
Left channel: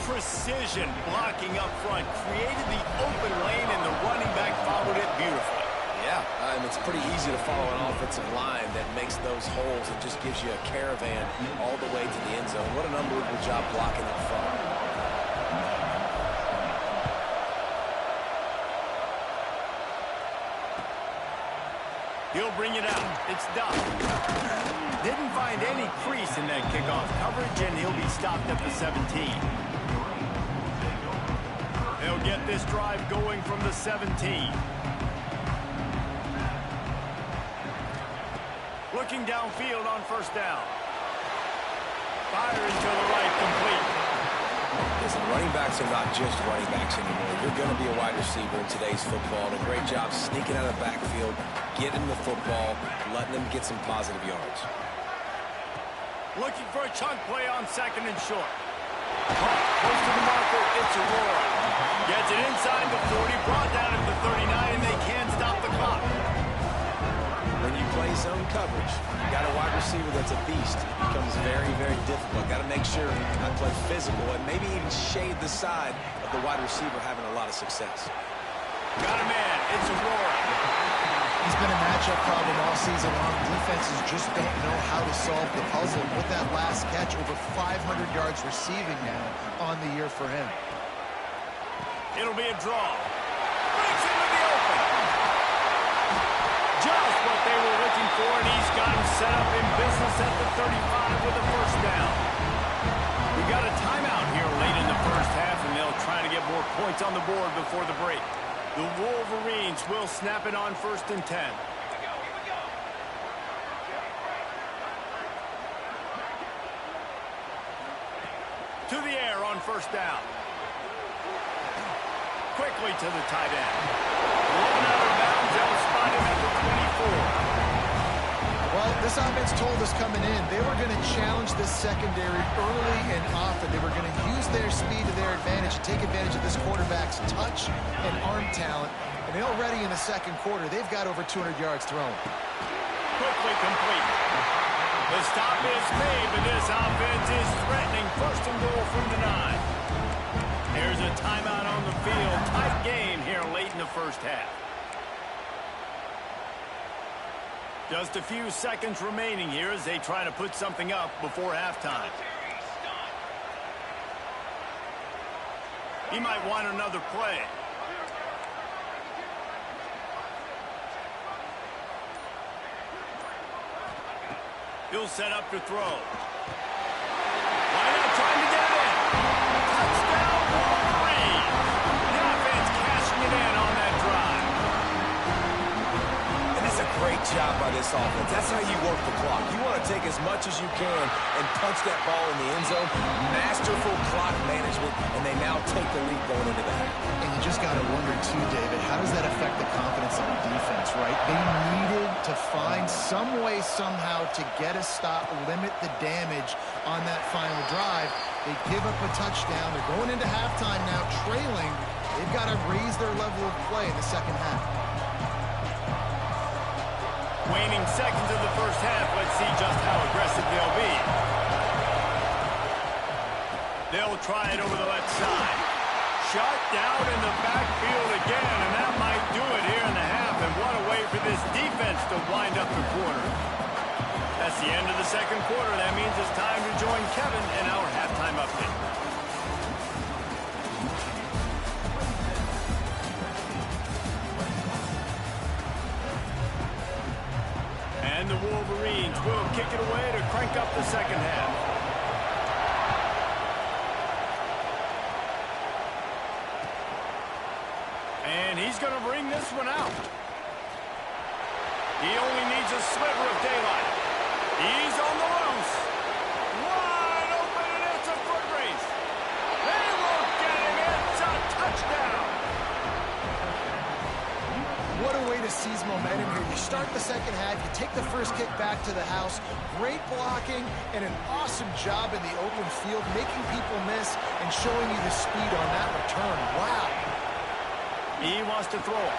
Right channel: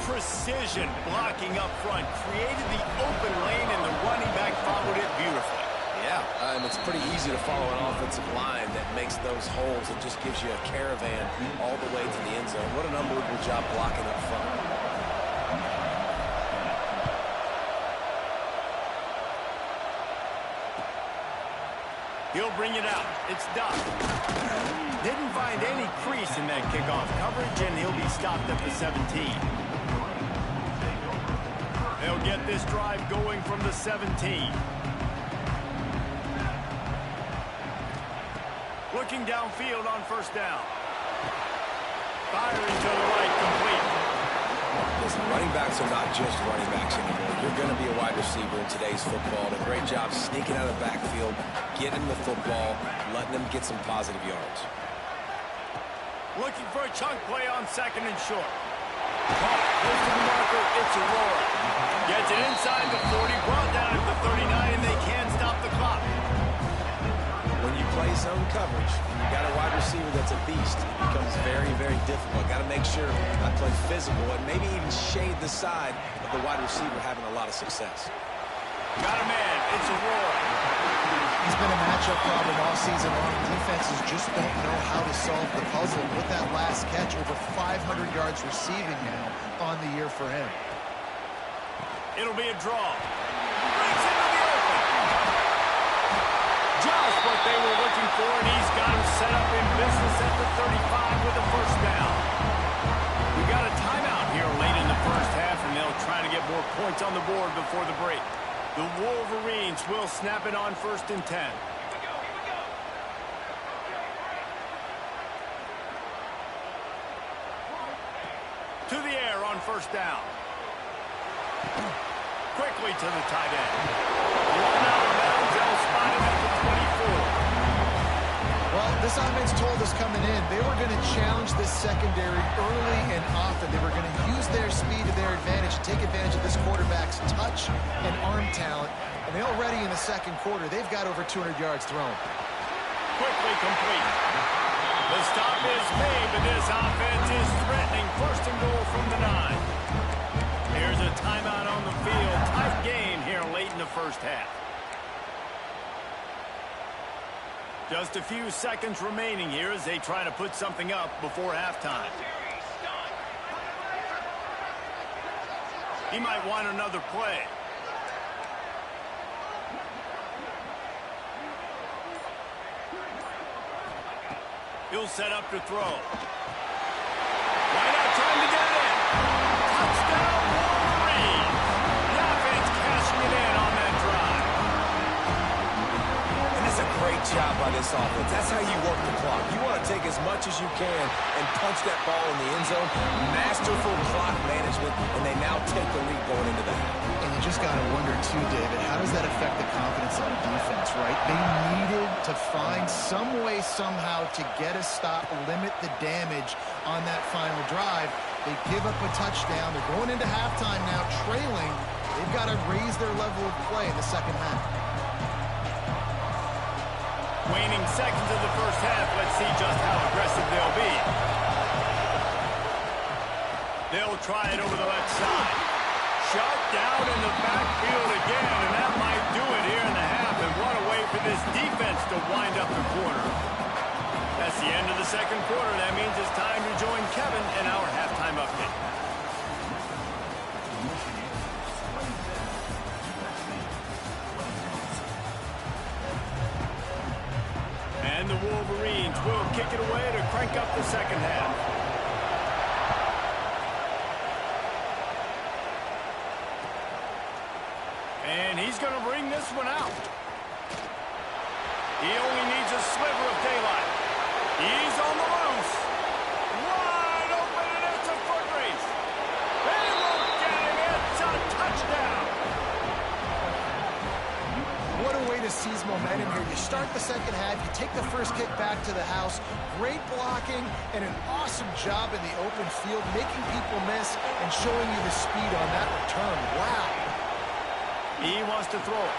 Precision blocking up front. Created the open lane, and the running back followed it beautifully. Yeah, and it's pretty easy to follow an offensive line that makes those holes and just gives you a caravan all the way to the end zone. What an unbelievable job blocking up front. He'll bring it out. It's done. Didn't find any crease in that kickoff coverage, and he'll be stopped at the 17. They'll get this drive going from the 17. Looking downfield on first down. Firing to the right, complete. Listen, running backs are not just running backs anymore. You're going to be a wide receiver in today's football. And a great job sneaking out of the backfield, getting the football, letting them get some positive yards. Looking for a chunk play on second and short. Caught close to the marker. It's Aurora. Gets it inside the 40, brought down at the 39, and they can't stop the clock. When you play zone coverage, you got a wide receiver that's a beast. It becomes very, very difficult. Got to make sure I play physical and maybe even shade the side of the wide receiver having a lot of success. Got a man. It's Aurora. He's been a matchup problem all season long. Defenses just don't know how to solve the puzzle. With that last catch, over 500 yards receiving now on the year for him. It'll be a draw. Breaks into the open. Just what they were looking for, and he's got him set up in business at the 35 with a first down. We got a timeout here late in the first half, and they'll try to get more points on the board before the break. The Wolverines will snap it on first and 10. Here we go. To the air on first down. Quickly to the tight end. Run out of bounds. They'll spot him at the 24. Well, this offense told us coming in they were going to challenge this secondary early and often. They were going to use their speed to their advantage and take advantage of this quarterback's touch and arm talent. And they already in the second quarter, they've got over 200 yards thrown. Quickly complete. The stop is made, but this offense is threatening first and goal from the 9. Here's a timeout on the field. Tight game here late in the first half. Just a few seconds remaining here as they try to put something up before halftime. He might want another play. He'll set up to throw. Why not trying to get it in? Touchdown, Wolverines! The offense cashing it in on that drive. And that's a great job by this offense. That's how you work the clock. You want to take as much as you can and punch that ball in the end zone. Masterful clock management, and they now take the lead going into the half. And you just got to wonder, too, David, how does that affect the confidence of the defense, right? They needed to find some way, somehow, to get a stop, limit the damage on that final drive. They give up a touchdown. They're going into halftime now, trailing. They've got to raise their level of play in the second half. Waning seconds of the first half. Let's see just how aggressive they'll be. They'll try it over the left side. Shut down in the backfield again, and that might do it here in the half. And what a way for this defense to wind up the quarter. That's the end of the second quarter. That means it's time to join Kevin in our halftime update. And the Wolverines will kick it away to crank up the second half. And he's going to bring this one out. He only needs a sliver of daylight. He's on the loose. Wide open, and it's a foot race. They won't get him. It's a touchdown. What a way to seize momentum here. You start the second half, you take the first kick back to the house, great blocking, and an awesome job in the open field, making people miss and showing you the speed on that return. Wow. He wants to throw it.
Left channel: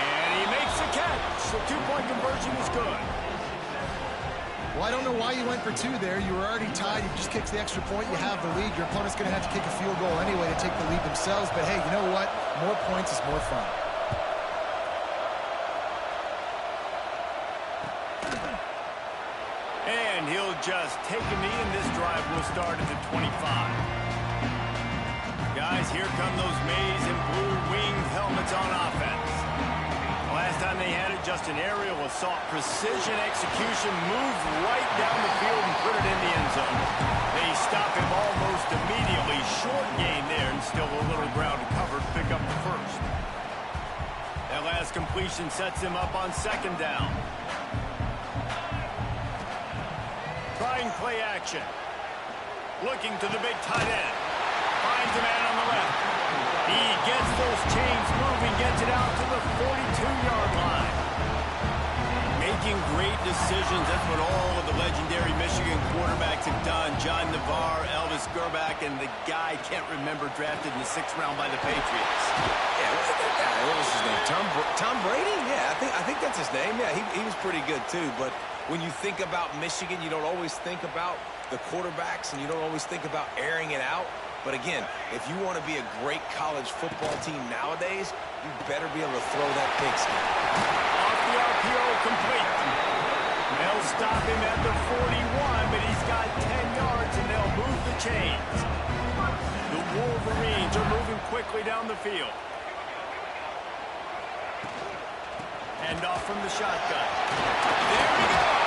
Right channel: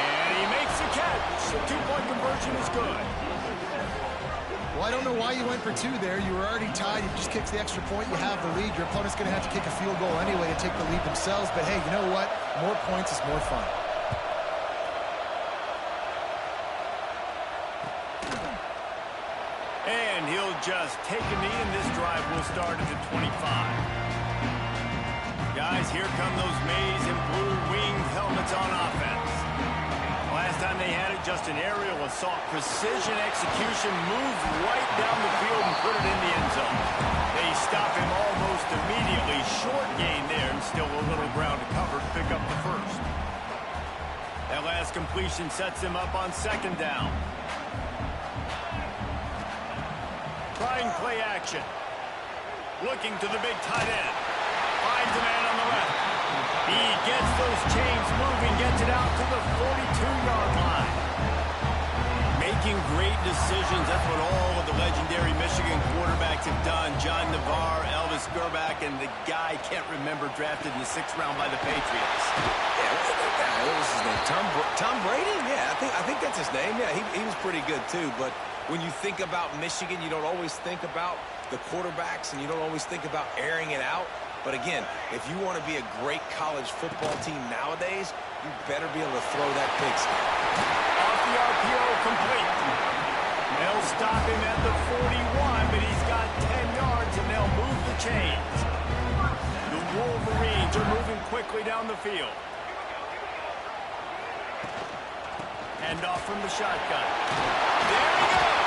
And he makes the catch. The two-point conversion is good. Well, I don't know why you went for two there. You were already tied. You just kicked the extra point. You have the lead. Your opponent's going to have to kick a field goal anyway to take the lead themselves. But, hey, you know what? More points is more fun. And he'll just take a knee, and this drive will start at the 25. Guys, here come those maize and blue winged helmets on offense. Last time they had it, just an aerial assault. Precision execution, moved right down the field and put it in the end zone. They stop him almost immediately. Short gain there, and still a little ground to cover to pick up the first. That last completion sets him up on second down. Trying play action. Looking to the big tight end. Finds a man on the left. He gets those chains moving, gets it out to the 42-yard line. Making great decisions. That's what all of the legendary Michigan quarterbacks have done. John Navarre, Elvis Gerbach, and the guy, can't remember, drafted in the 6th round by the Patriots. Yeah, what was his name? Tom Brady? Yeah, I think that's his name. Yeah, he was pretty good too. But when you think about Michigan, you don't always think about the quarterbacks, and you don't always think about airing it out. But again, if you want to be a great college football team nowadays, you better be able to throw that pigskin. Off the RPO, complete. They'll stop him at the 41, but he's got 10 yards, and they'll move the chains. The Wolverines are moving quickly down the field. Hand off from the shotgun. There he goes.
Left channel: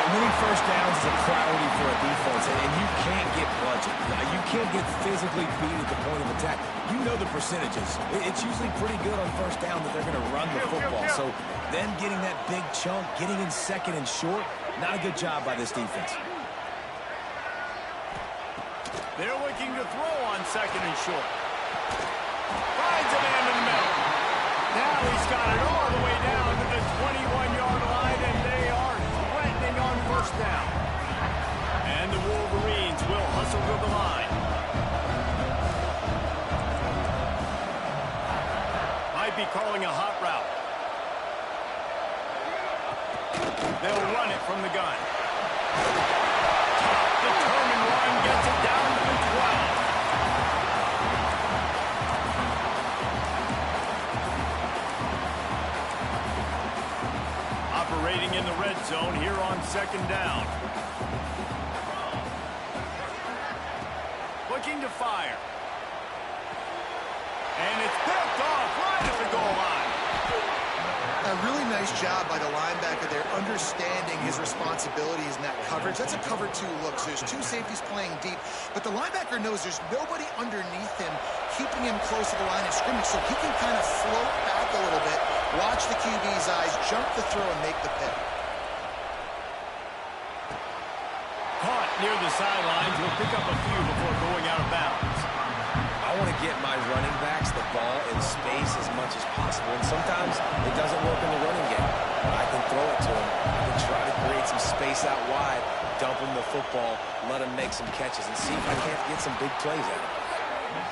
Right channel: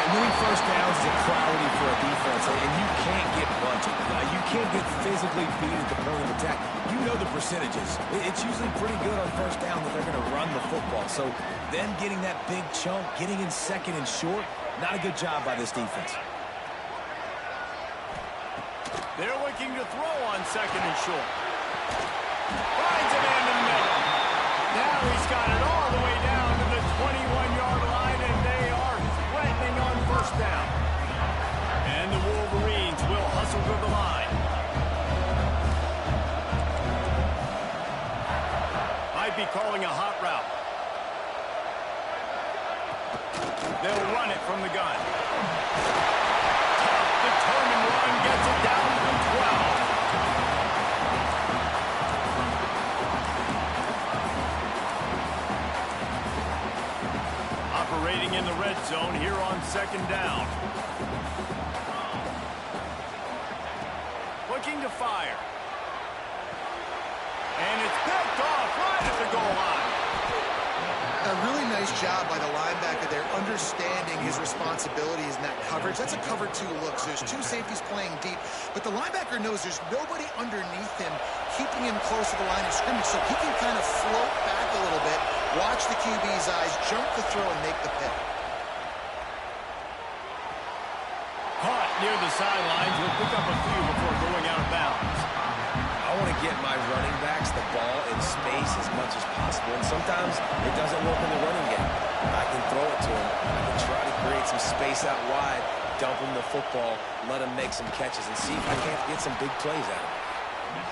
And winning first downs is a priority for a defense, and you can't get bludgeoned. You can't get physically beat at the point of attack. You know the percentages. It's usually pretty good on first down that they're going to run the football. So them getting that big chunk, getting in second and short, not a good job by this defense. They're looking to throw on second and short. Finds a man in the middle. Now he's got it all the way down to the 21-yard line, and they are threatening on first down. And the Wolverines will hustle to the line. Might be calling a hot route. They'll run it from the gun. Tough, determined run, gets it down to the 12. Operating in the red zone here on second down. Looking to fire. And it's picked off right at the goal line. A really nice job by the linebacker there, understanding his responsibilities in that coverage. That's a cover two look. So there's two safeties playing deep, but the linebacker knows there's nobody underneath him, keeping him close to the line of scrimmage, so he can kind of float back a little bit, watch the QB's eyes, jump the throw, and make the pick. Caught near the sidelines. He'll pick up a few before going out of bounds. I want to get my running backs the ball in space as much as possible, and sometimes it doesn't work in the running game. But I can throw it to him. I can try to create some space out wide, dump him the football, let him make some catches, and see if I can't get some big plays out of him.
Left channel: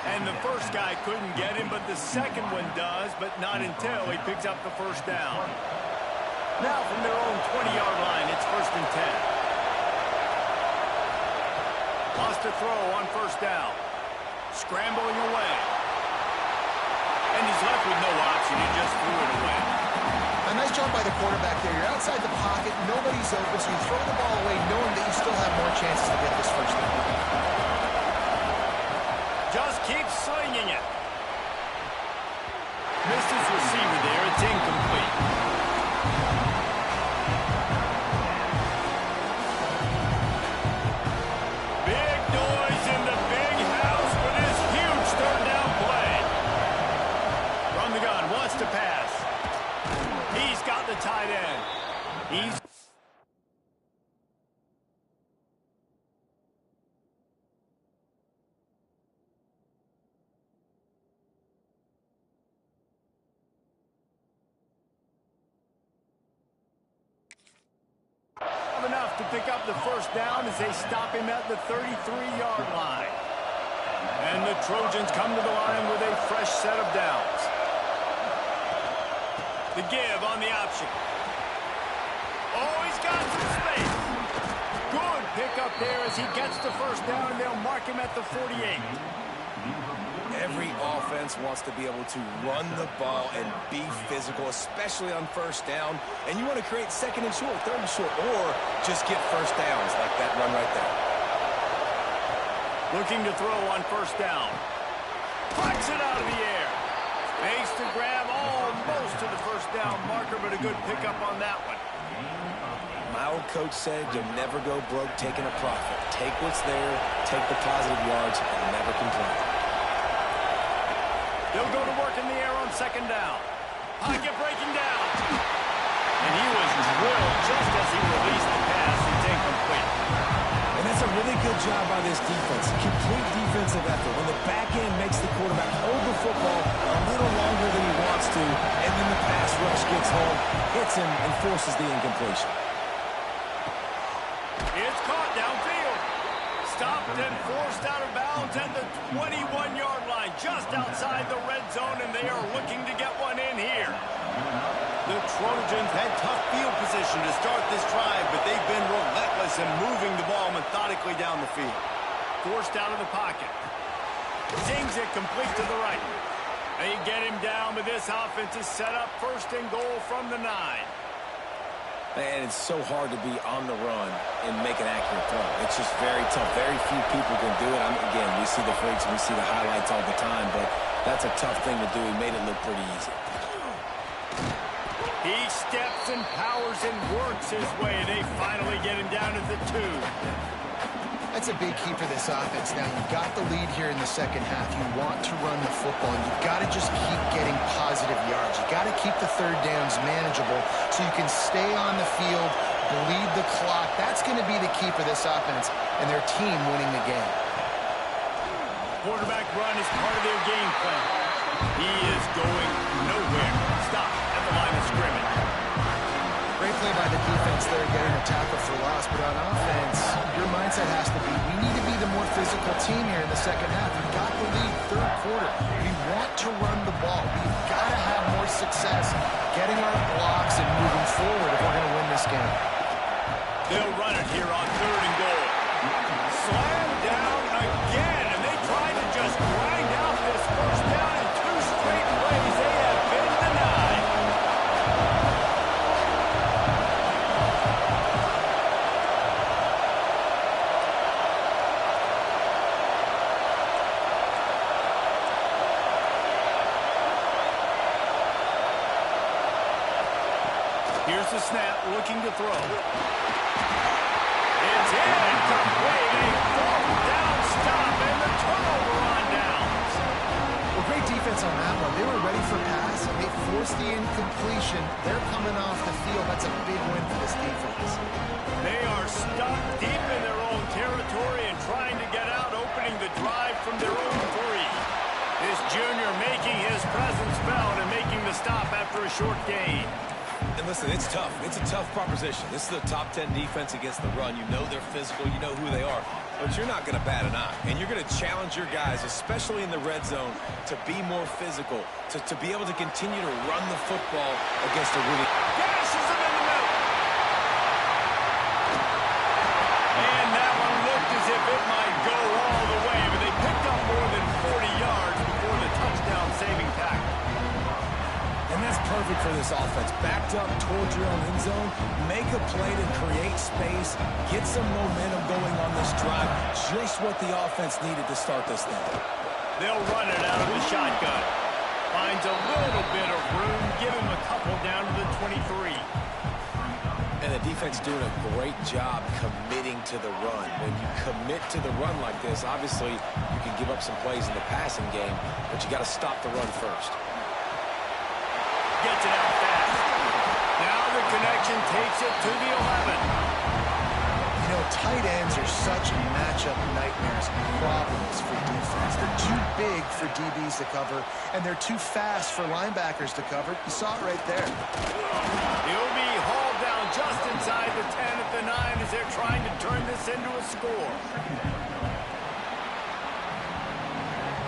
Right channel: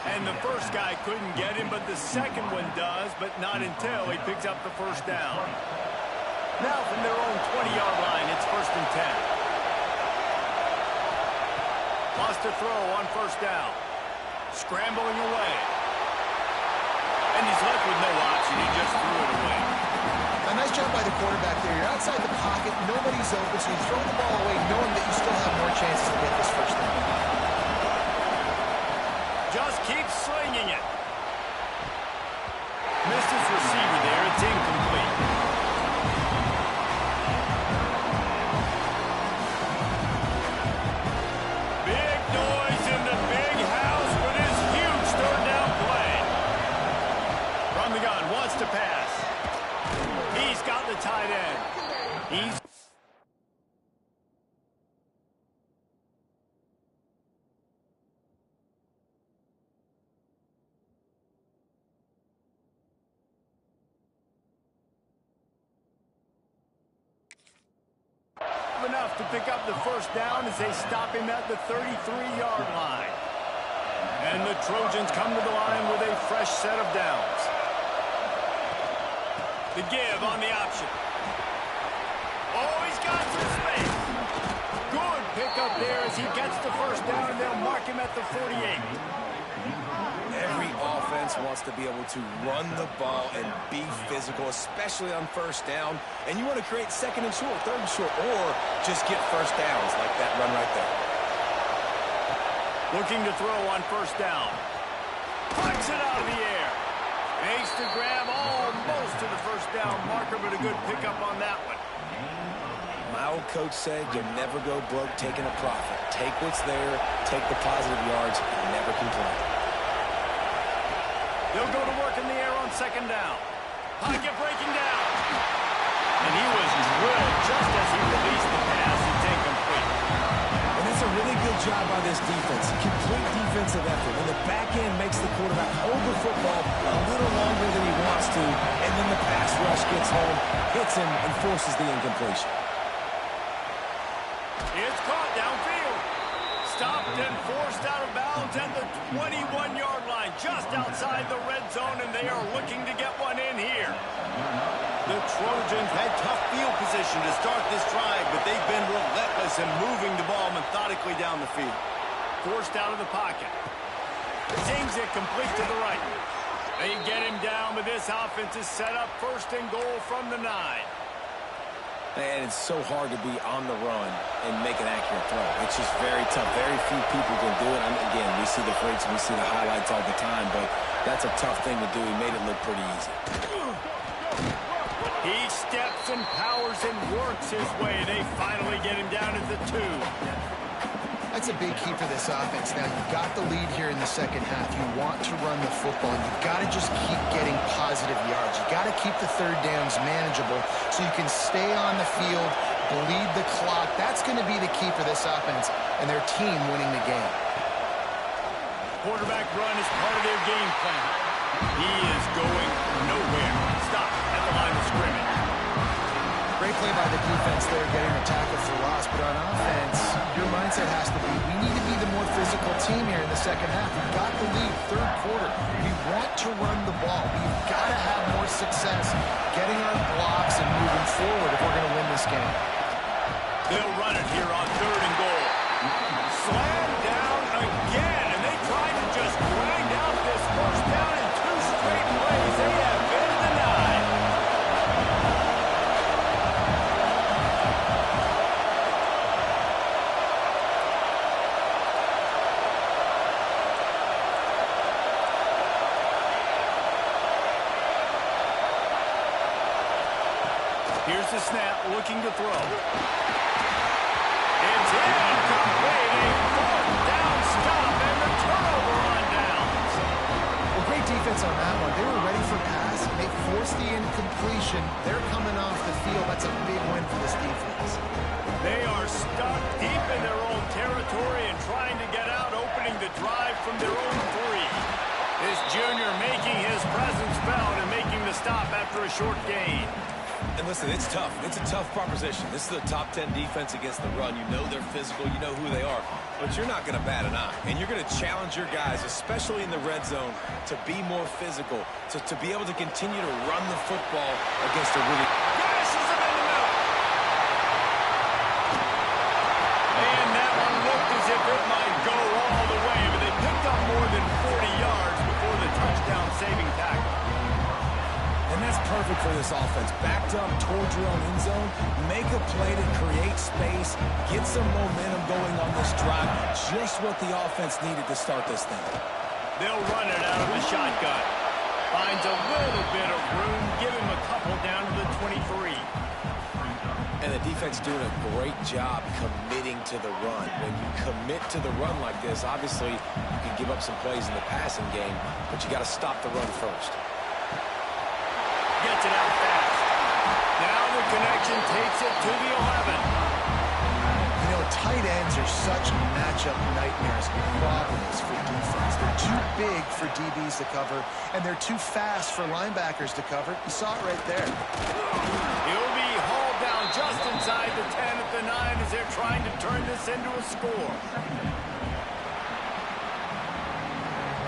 And the first guy couldn't get him, but the second one does, but not until he picks up the first down. Now from their own 20-yard line, it's 1st and 10. Lost a throw on first down. Scrambling away. And he's left with no option. He just threw it away. A nice job by the quarterback there. You're outside the pocket. Nobody's open, so you throw the ball away knowing that you still have more chances to get this first down. Just keep slinging it. Missed his receiver there. It's incomplete. Big noise in the big house with his huge third down play. From the gun, wants to pass. He's got the tight end. He's enough to pick up the first down as they stop him at the 33-yard line. And the Trojans come to the line with a fresh set of downs. The give on the option. Oh, he's got some space. Good pickup there as he gets the first down, and they'll mark him at the 48. Every offense wants to be able to run the ball and be physical, especially on first down. And you want to create second and short, third and short, or just get first downs like that run right there. Looking to throw on first down. Flicks it out of the air. Makes the grab almost to the first down marker, but a good pickup on that one. My old coach said you'll never go broke taking a profit. Take what's there, take the positive yards, and never complain. They'll go to work in the air on second down. Pocket breaking down. And he was drilled just as he released the pass. It's incomplete. And that's a really good job by this defense. Complete defensive effort. When the back end makes the quarterback hold the football a little longer than he wants to, and then the pass rush gets home, hits him, and forces the incompletion. It's caught downfield. Stopped and forced out of bounds at the 21-yard line, just outside the red zone, and they are looking to get one in here. The Trojans had tough field position to start this drive, but they've been relentless in moving the ball methodically down the field. Forced out of the pocket. Zings it complete to the right. They get him down, but this offense is set up first and goal from the 9. And it's so hard to be on the run and make an accurate throw. It's just very tough. Very few people can do it. Again, we see the freaks and we see the highlights all the time, but that's a tough thing to do. He made it look pretty easy. He steps and powers and works his way. They finally get him down at the 2. That's a big key for this offense. Now, you've got the lead here in the second half. You want to run the football. You've got to just keep getting positive yards. You've got to keep the third downs manageable so you can stay on the field, bleed the clock. That's going to be the key for this offense and their team winning the game. Quarterback run is part of their game plan. He is going nowhere. Stop at the line of scrimmage. Great play by the defense there, getting a tackle for loss. But on offense, your mindset has to be, we need to be the more physical team here in the second half. We've got the lead, third quarter. We want to run the ball. We've got to have more success getting our blocks and moving forward if we're going to win this game. They'll run it here on third and goal. Slam down again, and they try to just grind out this first down in 2 straight plays. They have been denied. Here's the snap, looking to throw. It's incomplete. A fourth down stop and the turnover on downs. Well, great defense on that one. They were ready for pass. They forced the incompletion. They're coming off the field. That's a big win for this defense. They are stuck deep in their own territory and trying to get out, opening the drive from their own 3. This junior making his presence felt and making the stop after a short gain. And listen, it's tough. It's a tough proposition. This is a top 10 defense against the run. You know they're physical. You know who they are. But you're not going to bat an eye. And you're going to challenge your guys, especially in the red zone, to be more physical, to be able to continue to run the football against a really... Gashes him in the middle. And that one looked as if it might go all the way, but they picked up more than 40 yards before the touchdown saving tackle. And that's perfect for this offense. Backed up towards your own end zone, make a play to create space, get some momentum going on this drive. Just what the offense needed to start this thing. They'll run it out of the shotgun. Finds a little bit of room, give him a couple down to the 23. And the defense doing a great job committing to the run. When you commit to the run like this, obviously you can give up some plays in the passing game, but you got to stop the run first. Gets it out fast. Now the connection takes it to the 11. You know, tight ends are such matchup nightmares and problems for defense. They're too big for DBs to cover, and they're too fast for linebackers to cover. You saw it right there. He'll be hauled down just inside the 10 at the 9 as they're trying to turn this into a score.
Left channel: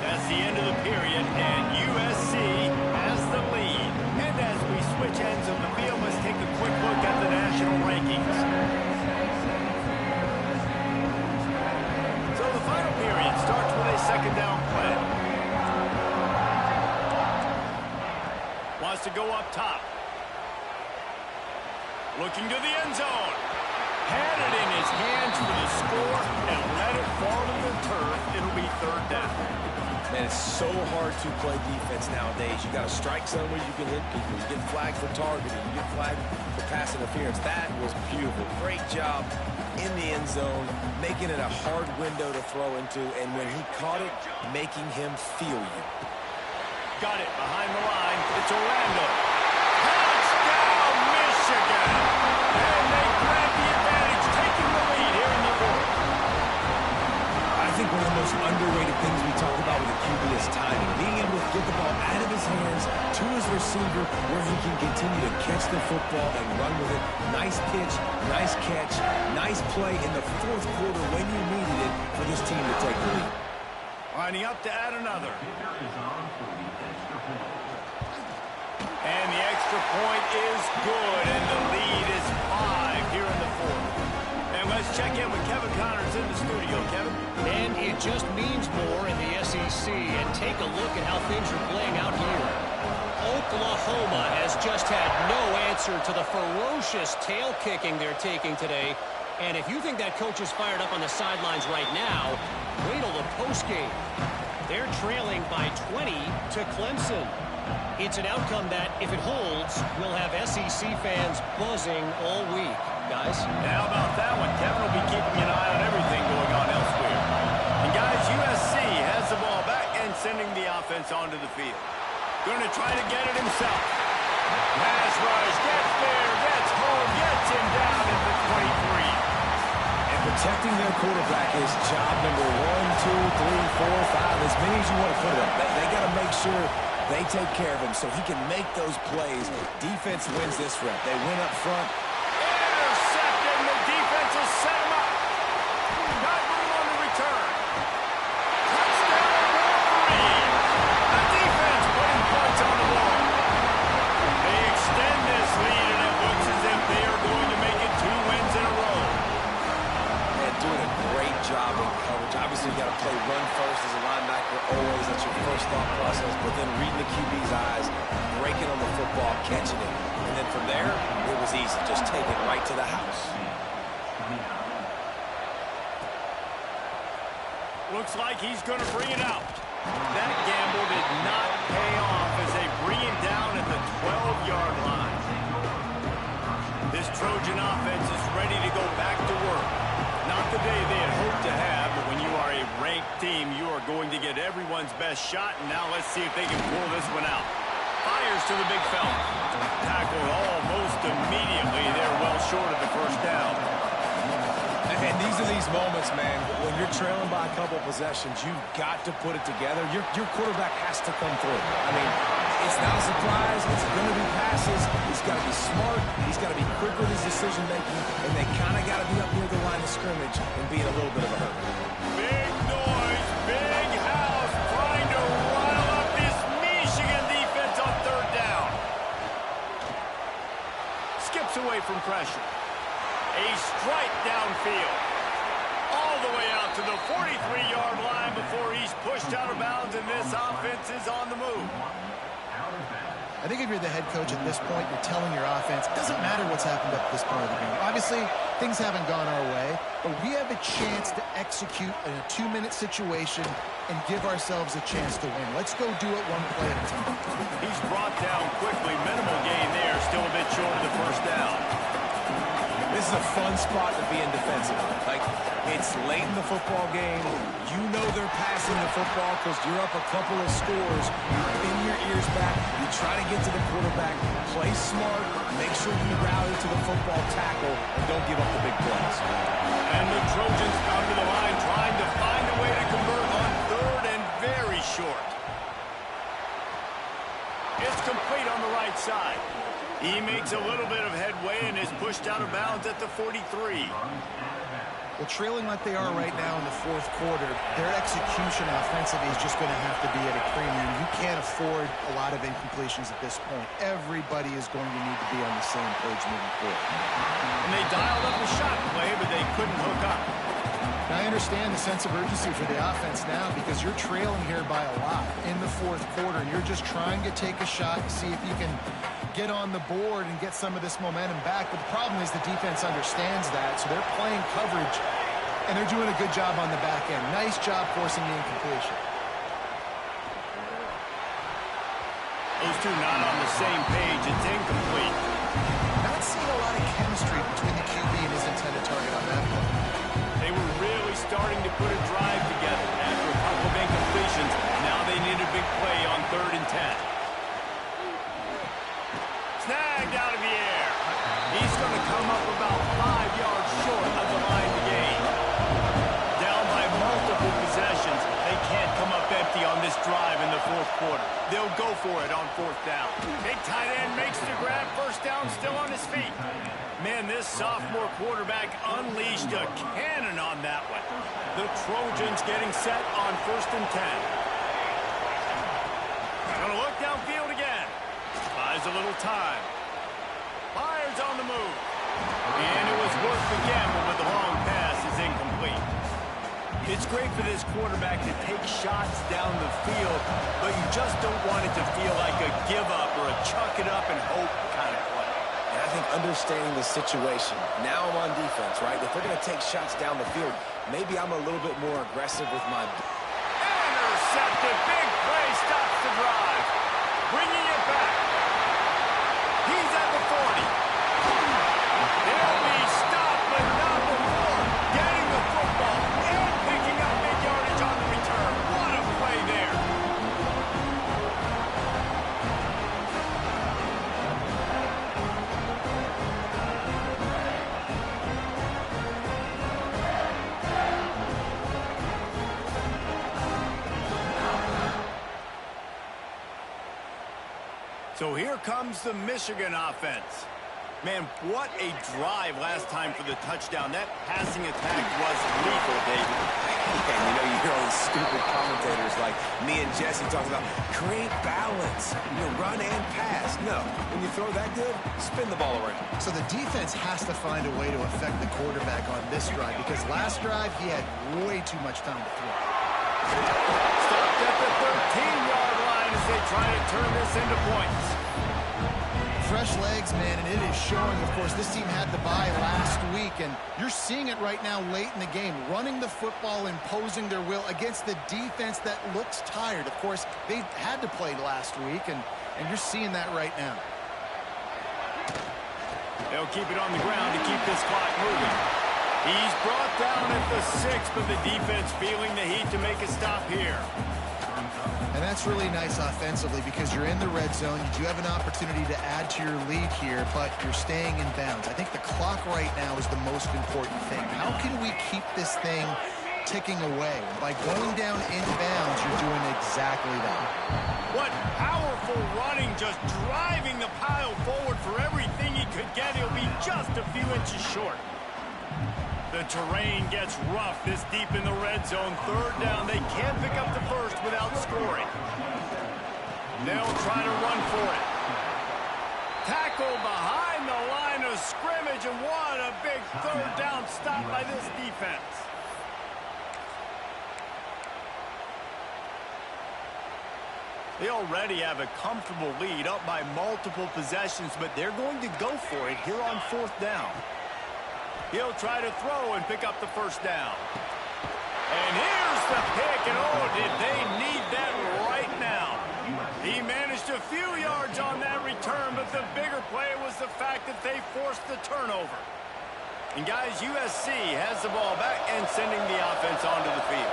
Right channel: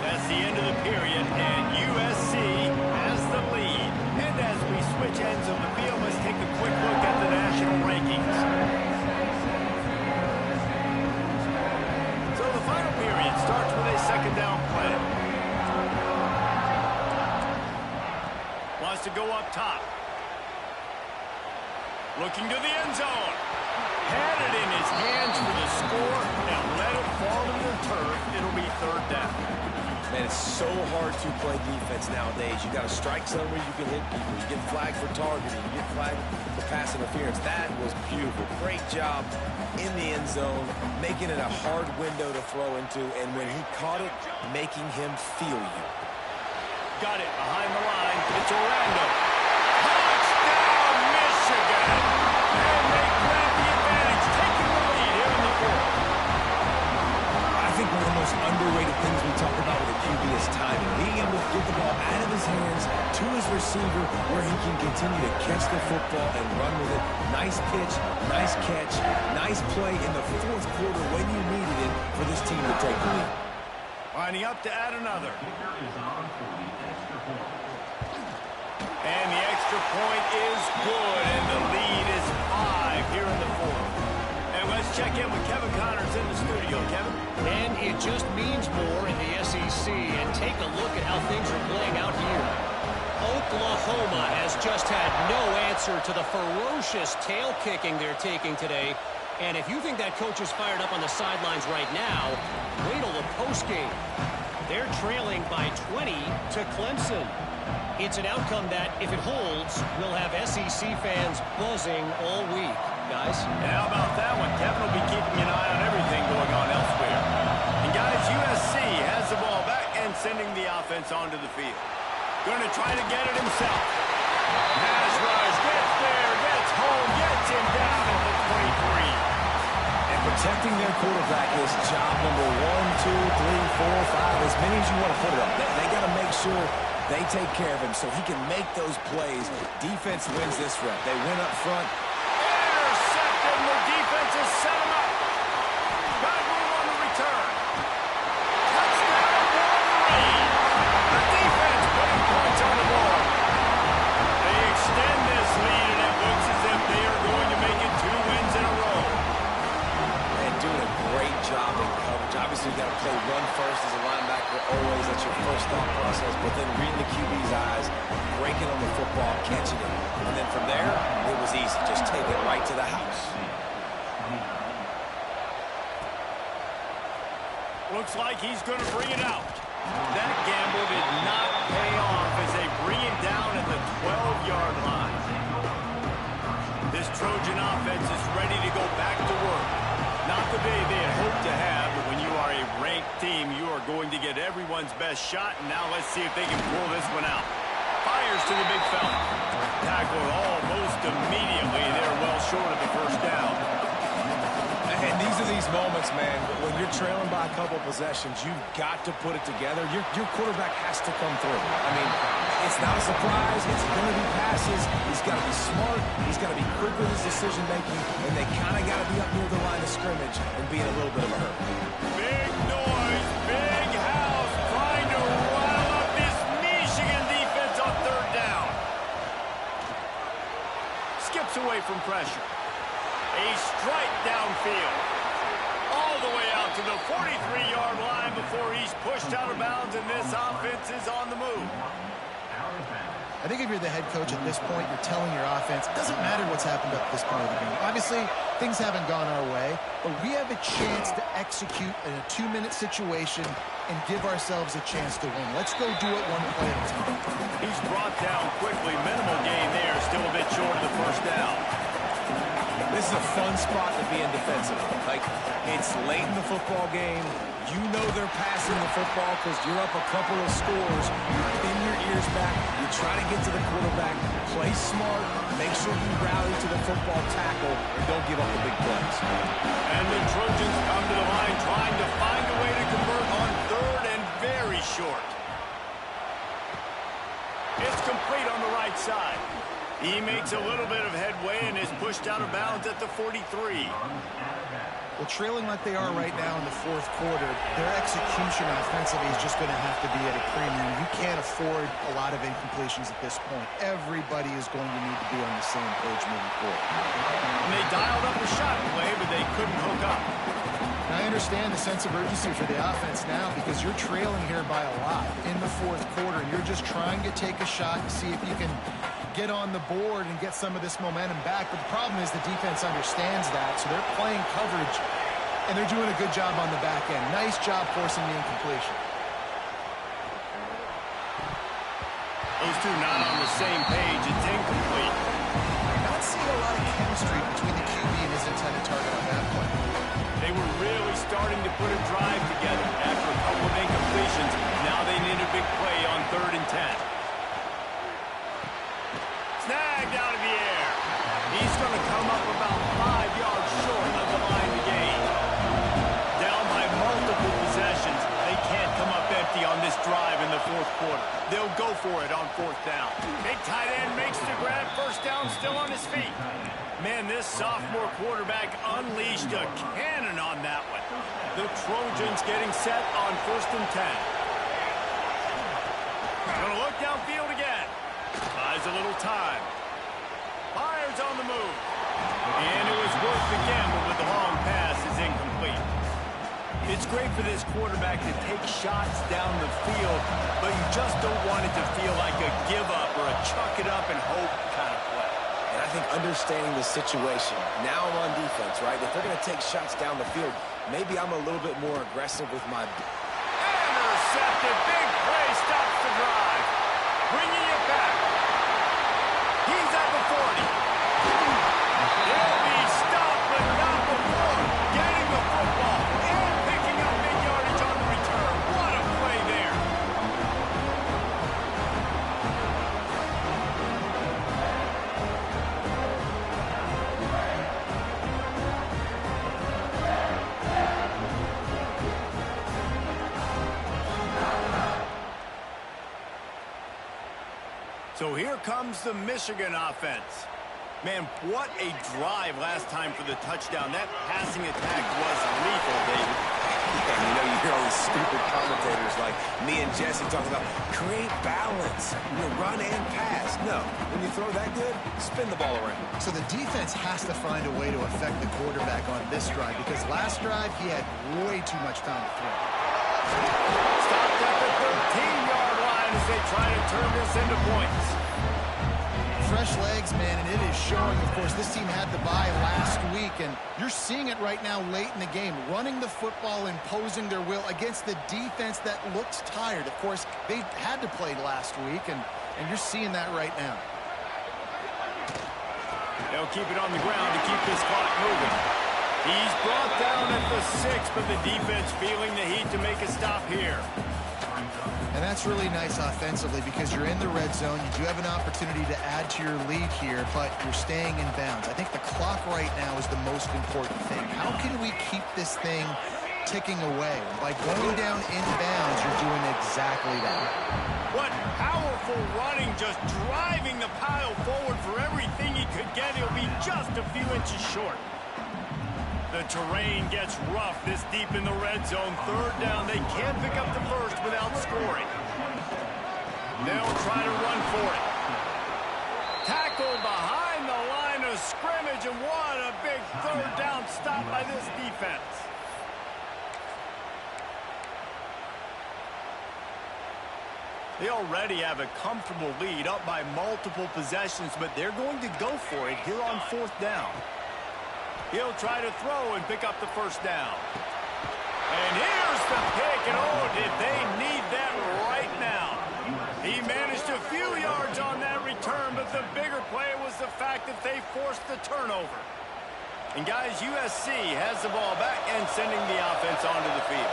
That's the end of the period, and USC has the lead. And as we switch ends of the field, let's take a quick look at the national rankings. So the final period starts with a second down play. Wants to go up top. Looking to the end zone. Had it in his hands for the score and let it fall to the turf. It'll be third down. Man, it's so hard to play defense nowadays. You got to strike somewhere you can hit people. You get flagged for targeting. You get flagged for pass interference. That was beautiful. Great job in the end zone, making it a hard window to throw into, and when he caught it, making him feel you. Got it behind the line. It's Orlando. Touchdown, Michigan! And they grab the advantage, taking the lead here in the fourth. I think one of the most underrated things we talk about with a QB is timing. Being able to get the ball out of his hands to his receiver where he can continue to catch the football and run with it. Nice pitch, nice catch, nice play in the fourth quarter when you needed it for this team to take the lead. Lining up to add another. And the extra point is good, and the lead is 5 here in the fourth. And let's check in with Kevin Connors in the studio. Kevin? And it just means more in the SEC. And take a look at how things are playing out here. Oklahoma has just had no answer to the ferocious tail kicking they're taking today. And if you think that coach is fired up on the sidelines right now, wait till the postgame. They're trailing by 20 to Clemson. It's an outcome that, if it holds, will have SEC fans buzzing all week. Guys? And how about that one? Kevin will be keeping an eye on everything going on elsewhere. And guys, USC has the ball back and sending the offense onto the field. Going to try to get it himself. Pass rush, gets there, gets home, gets him down at the 23. And protecting their quarterback is job number 1, 2, 3, 4, 5, as many as you want to put it up. They got to make sure they take care of him so he can make those plays. Defense wins this rep. They win up front. Intercepted, and the defense has set him up. Got room on the return. Touchdown, Wolverine. The defense putting points on the board. They extend this lead, and it looks as if they are going to make it 2 wins in a row. And doing a great job in coverage. Obviously, you got to play run first as a linebacker always. That's your first thought process. But then reading the QB's eyes, breaking on the football, catching it. And then from there, it was easy. Just take it right to the house. Looks like he's going to bring it out. That gamble did not pay off as they bring him down at the 12-yard line. This Trojan offense is ready to go back to work. Not the day they had hoped to have, but when you are a ranked team, you are going to get everyone's best shot. And now let's see if they can pull this one out. Fires to the big fella. Tackled almost immediately. They're well short of the first down. And these are these moments, man, when you're trailing by a couple possessions, you've got to put it together. Your quarterback has to come through. I mean, it's not a surprise. It's going to be passes. He's got to be smart. He's got to be quick with his decision-making, and they kind of got to be up near the line of scrimmage and be in a little bit of a hurry. Big noise, big house, trying to rile up this Michigan defense on third down. Skips away from pressure. A strike downfield. All the way out to the 43-yard line before he's pushed out of bounds, and this offense is on the move. I think if you're the head coach at this point, you're telling your offense, it doesn't matter what's happened up this part of the game. Obviously, things haven't gone our way, but we have a chance to execute in a 2-minute situation and give ourselves a chance to win. Let's go do it one play at a time. He's brought down quickly. Minimal gain there. Still a bit short of the first down. This is a fun spot to be in defensively. Like, it's late in the football game. You know they're passing the football because you're up a couple of scores. You pin your ears back. You try to get to the quarterback. Play smart. Make sure you rally to the football tackle and don't give up the big plays. And the Trojans come to the line trying to find a way to convert on third and very short. It's complete on the right side. He makes a little bit of headway and is pushed out of bounds at the 43. Well, trailing like they are right now in the fourth quarter, their execution offensively is just going to have to be at a premium. You can't afford a lot of incompletions at this point. Everybody is going to need to be on the same page moving forward. And they dialed up a shot play, but they couldn't hook up. Now, I understand the sense of urgency for the offense now because you're trailing here by a lot in the fourth quarter, and you're just trying to take a shot to see if you can get on the board and get some of this momentum back. But the problem is the defense understands that, so they're playing coverage, and they're doing a good job on the back end. Nice job forcing the incompletion. Those two not on the same page. It's incomplete. Not seeing a lot of chemistry between the QB and his intended target on that play. They were really starting to put a drive together after a couple of incompletions. Now they need a big play on 3rd and 10. Snagged out of the air. He's going to come up about 5 yards short of the line to gain. Down by multiple possessions. They can't come up empty on this drive in the fourth quarter. They'll go for it on 4th down. Big tight end makes the grab. First down, still on his feet. Man, this sophomore quarterback unleashed a cannon on that one. The Trojans getting set on 1st and 10. Gonna look downfield again. Buys a little time. Fires on the move. And it was worth the gamble, but the long pass is incomplete. It's great for this quarterback to take shots down the field, but you just don't want it to feel like a give up or a chuck it up and hope kind of play. And I think understanding the situation, now I'm on defense, right? If they're going to take shots down the field, maybe I'm a little bit more aggressive with my... Intercepted. Big play stops the drive. Bringing it back. He's at the 40. He'll be stopped, but not before getting the football and picking up big yardage on the return. What a play there. So here comes the Michigan offense. Man, what a drive last time for the touchdown. That passing attack was lethal, David. Yeah, and you know, you hear all these stupid commentators like me and Jesse talking about create balance, run and pass. No, when you throw that good, spin the ball around. So the defense has to find a way to affect the quarterback on this drive because last drive he had way too much time to throw. Stopped at the 13-yard line as they try to turn this into points. Fresh legs, man, and it is showing. Of course, this team had the bye last week, and you're seeing it right now late in the game, running the football, imposing their will against the defense that looks tired. Of course, they had to play last week, and you're seeing that right now. They'll keep it on the ground to keep this clock moving. He's brought down at the 6, but the defense feeling the heat to make a stop here. And that's really nice offensively because you're in the red zone. You do have an opportunity to add to your lead here, but you're staying in bounds. I think the clock right now is the most important thing. How can we keep this thing ticking away? By going down in bounds, you're doing exactly that. What powerful running, just driving the pile forward for everything he could get. He'll be just a few inches short. The terrain gets rough this deep in the red zone. 3rd down. They can't pick up the first without scoring. They'll try to run for it. Tackled behind the line of scrimmage, and what a big 3rd down stop by this defense. They already have a comfortable lead up by multiple possessions, but they're going to go for it here on 4th down. He'll try to throw and pick up the 1st down. And here's the pick, and oh, did they need that right now. He managed a few yards on that return, but the bigger play was the fact that they forced the turnover. And guys, USC has the ball back and sending the offense onto the field.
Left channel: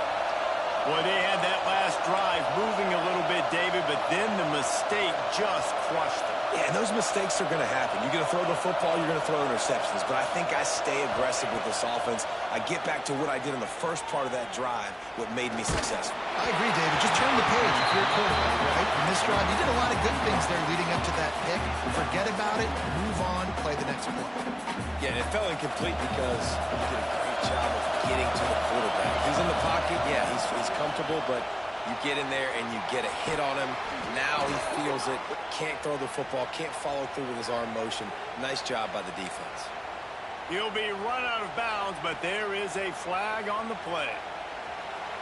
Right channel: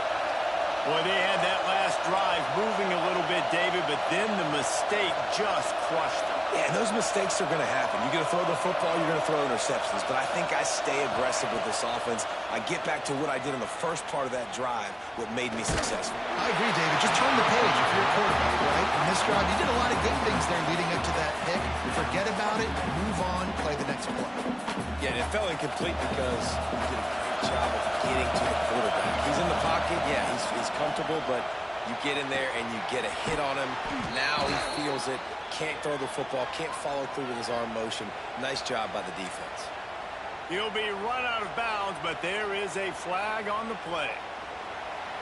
Boy, they had that last drive moving a little bit, David, but then the mistake just crushed them. Yeah, and those mistakes are going to happen. You're going to throw the football, you're going to throw interceptions. But I think I stay aggressive with this offense. I get back to what I did in the first part of that drive, what made me successful. I agree, David. Just turn the page if you're a quarterback, right? In this drive, you did a lot of good things there leading up to that pick. Forget about it, move on, play the next play. Yeah, and it fell incomplete because he did a great job of getting to the quarterback. He's in the pocket, yeah, he's comfortable, but you get in there and you get a hit on him. Now he feels it, can't throw the football, can't follow through with his arm motion. Nice job by the defense. He'll be run out of bounds, but there is a flag on the play.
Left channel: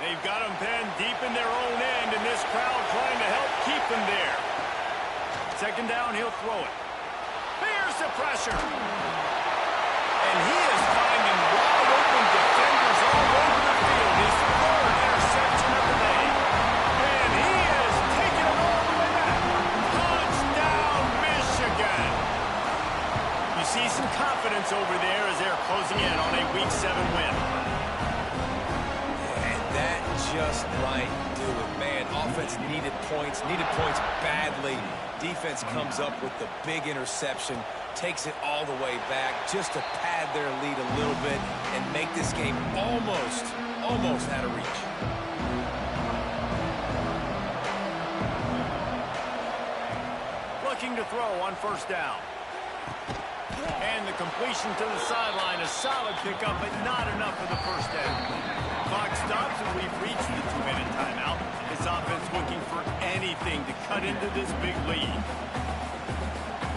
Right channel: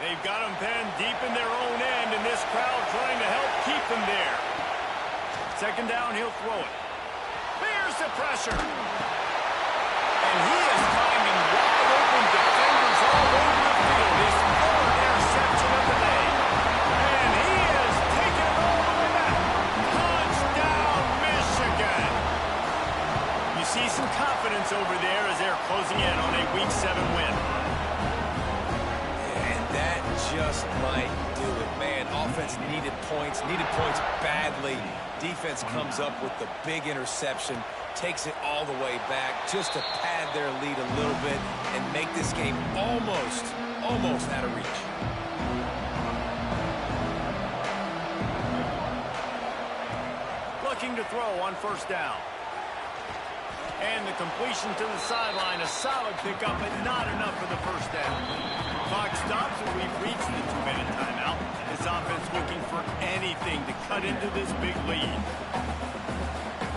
They've got him pinned deep in their own end, and this crowd trying to help keep them there. 2nd down, he'll throw it. Here's the pressure. And he is finding wide open defenders all over the field. His 3rd interception of the day. And he is taking it all the way back. Touchdown, Michigan. You see some confidence over there as they're closing in on a Week 7 win. And that just might do it, man. Offense needed points badly. Defense comes up with the big interception, takes it all the way back just to pad their lead a little bit and make this game almost out of reach. Looking to throw on 1st down. And the completion to the sideline, a solid pickup, but not enough for the 1st down. Clock stops, and we've reached the 2-minute timeout. This offense looking for anything to cut into this big lead.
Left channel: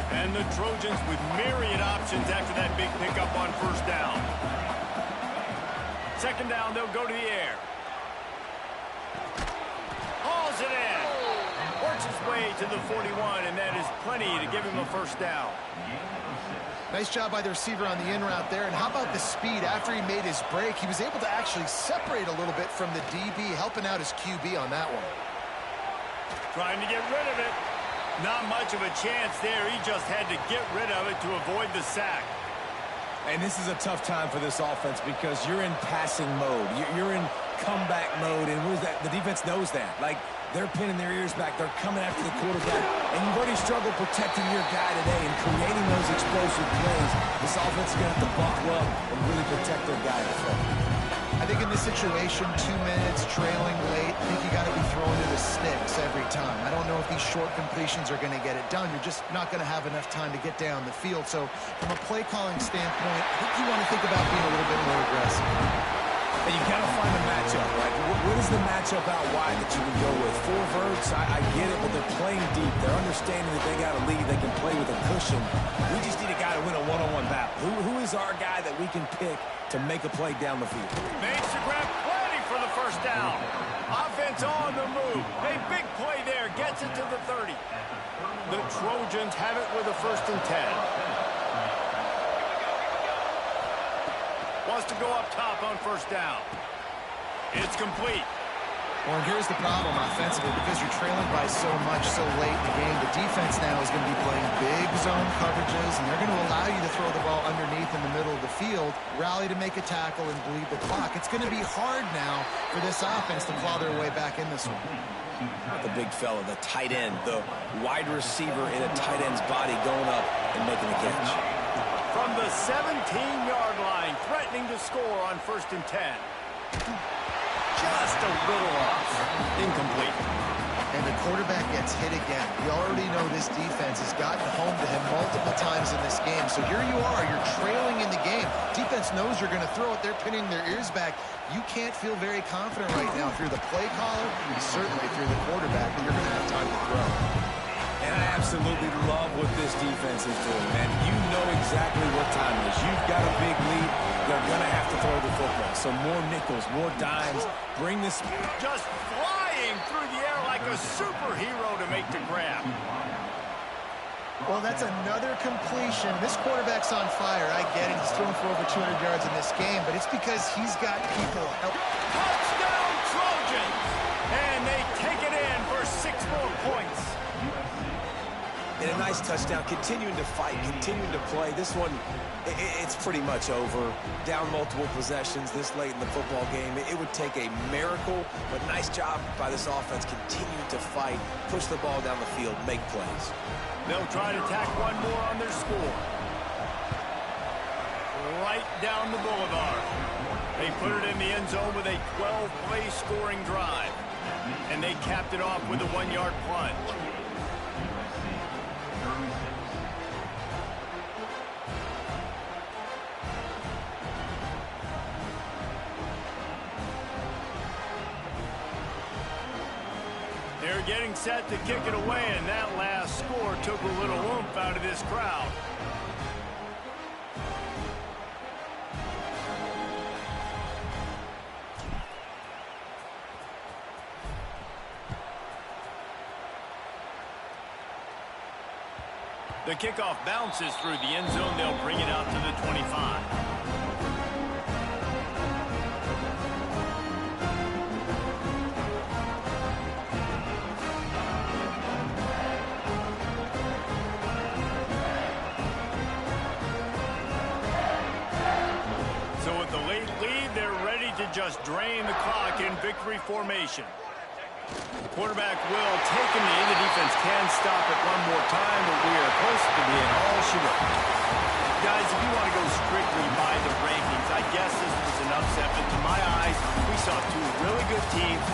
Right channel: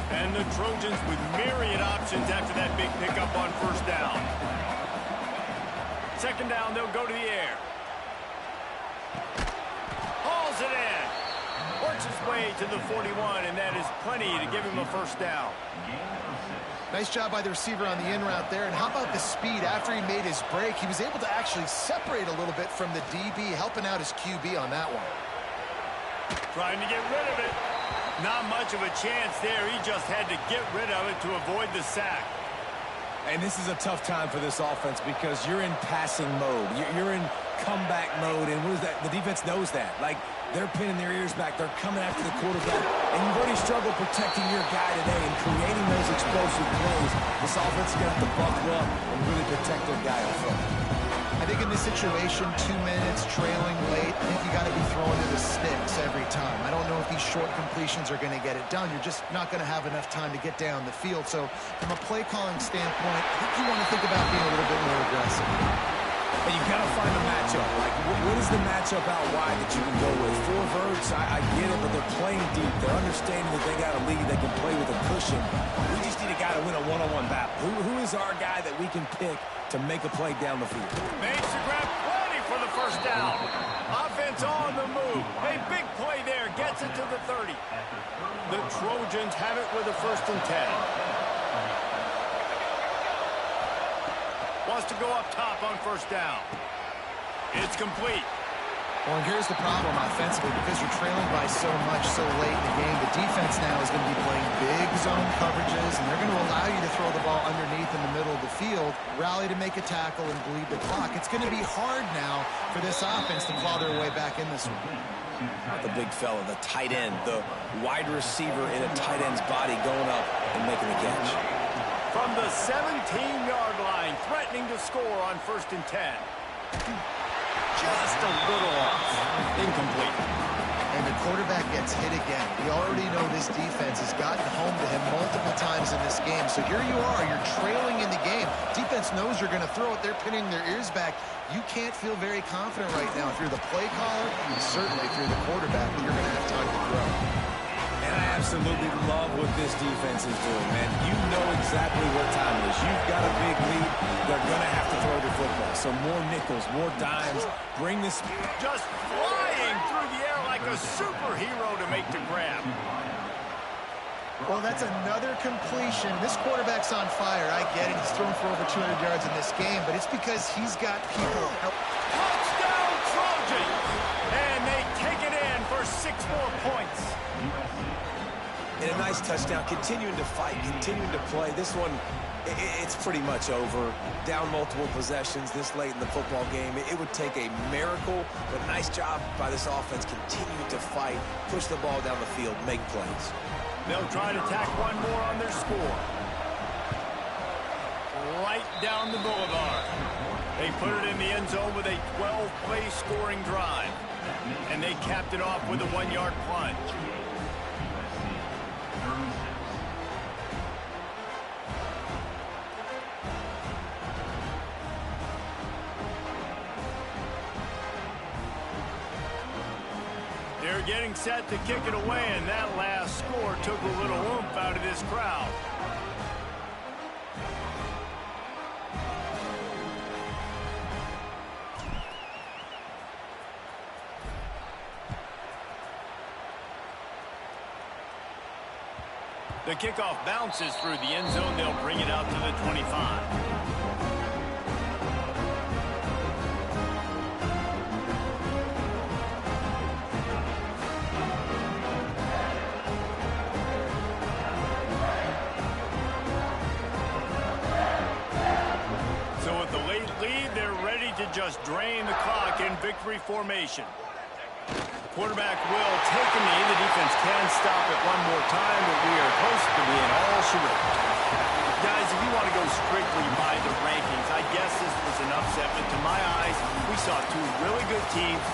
And the Trojans with myriad options after that big pickup on 1st down. 2nd down, they'll go to the air. Hauls it in. Works his way to the 41, and that is plenty to give him a 1st down. Nice job by the receiver on the in route there. And how about the speed? After he made his break, he was able to actually separate a little bit from the DB, helping out his QB on that one. Trying to get rid of it. Not much of a chance there. He just had to get rid of it to avoid the sack. And this is a tough time for this offense because you're in passing mode. You're in comeback mode, and what is that? The defense knows that. Like, they're pinning their ears back. They're coming after the quarterback, and you've already struggled protecting your guy today and creating those explosive plays. This offense is going to have to buckle up and really protect their guy in front. I think in this situation, 2 minutes, trailing late, I think you got to be throwing to the sticks every time. I don't know if these short completions are going to get it done. You're just not going to have enough time to get down the field. So from a play calling standpoint, I think you want to think about being a little bit more aggressive. And you got to find a matchup. Like, what is the matchup out wide that you can go with? 4 verts, I get it, but they're playing deep. They're understanding that they got a lead. They can play with a cushion. We just need a guy to win a one-on-one battle. Who is our guy that we can pick to make a play down the field? Makes the grab plenty for the 1st down. Offense on the move. A big play there. Gets it to the 30. The Trojans have it with a 1st and 10. Wants to go up top on 1st down. It's complete. Well, and here's the problem offensively, because you're trailing by so much so late in the game. The defense now is going to be playing big zone coverages, and they're going to allow you to throw the ball underneath in the middle of the field, rally to make a tackle, and bleed the clock. It's going to be hard now for this offense to claw their way back in this one. The big fella, the tight end, the wide receiver in a tight end's body going up and making the catch. From the 17-yard line, threatening to score on 1st and 10. Just a little off. Incomplete. And the quarterback gets hit again. We already know this defense has gotten home to him multiple times in this game. So here you are, you're trailing in the game. Defense knows you're going to throw it. They're pinning their ears back. You can't feel very confident right now through the play caller and certainly through the quarterback that you're going to have time to throw. And I absolutely love what this defense is doing, man. You know exactly what time it is. You've got a big lead. They're going to have to throw the football. So more nickels, more dimes. Bring this. Just flying through the air like a superhero to make the grab. Well, that's another completion. This quarterback's on fire. I get it. He's thrown for over 200 yards in this game, but it's because he's got people help. Touchdown, Trojans! And they take it in for 6 more points. And a nice touchdown, continuing to fight, continuing to play. This one, it's pretty much over. Down multiple possessions this late in the football game. It would take a miracle, but nice job by this offense continuing to fight, push the ball down the field, make plays. They'll try to tack one more on their score. Right down the boulevard. They put it in the end zone with a 12-play scoring drive. And they capped it off with a 1-yard plunge. They're getting set to kick it away, and that last score took a little oomph out of this crowd. The kickoff bounces through the end zone. They'll bring it out to the 25. So with the late lead, they're ready to just drain the clock in victory formation. The quarterback will take a knee. The defense can stop it one more time, but we are close to being all she wrote. Guys, if you want to go strictly by the rankings, I guess this was an upset, but to my eyes, we saw 2 really good teams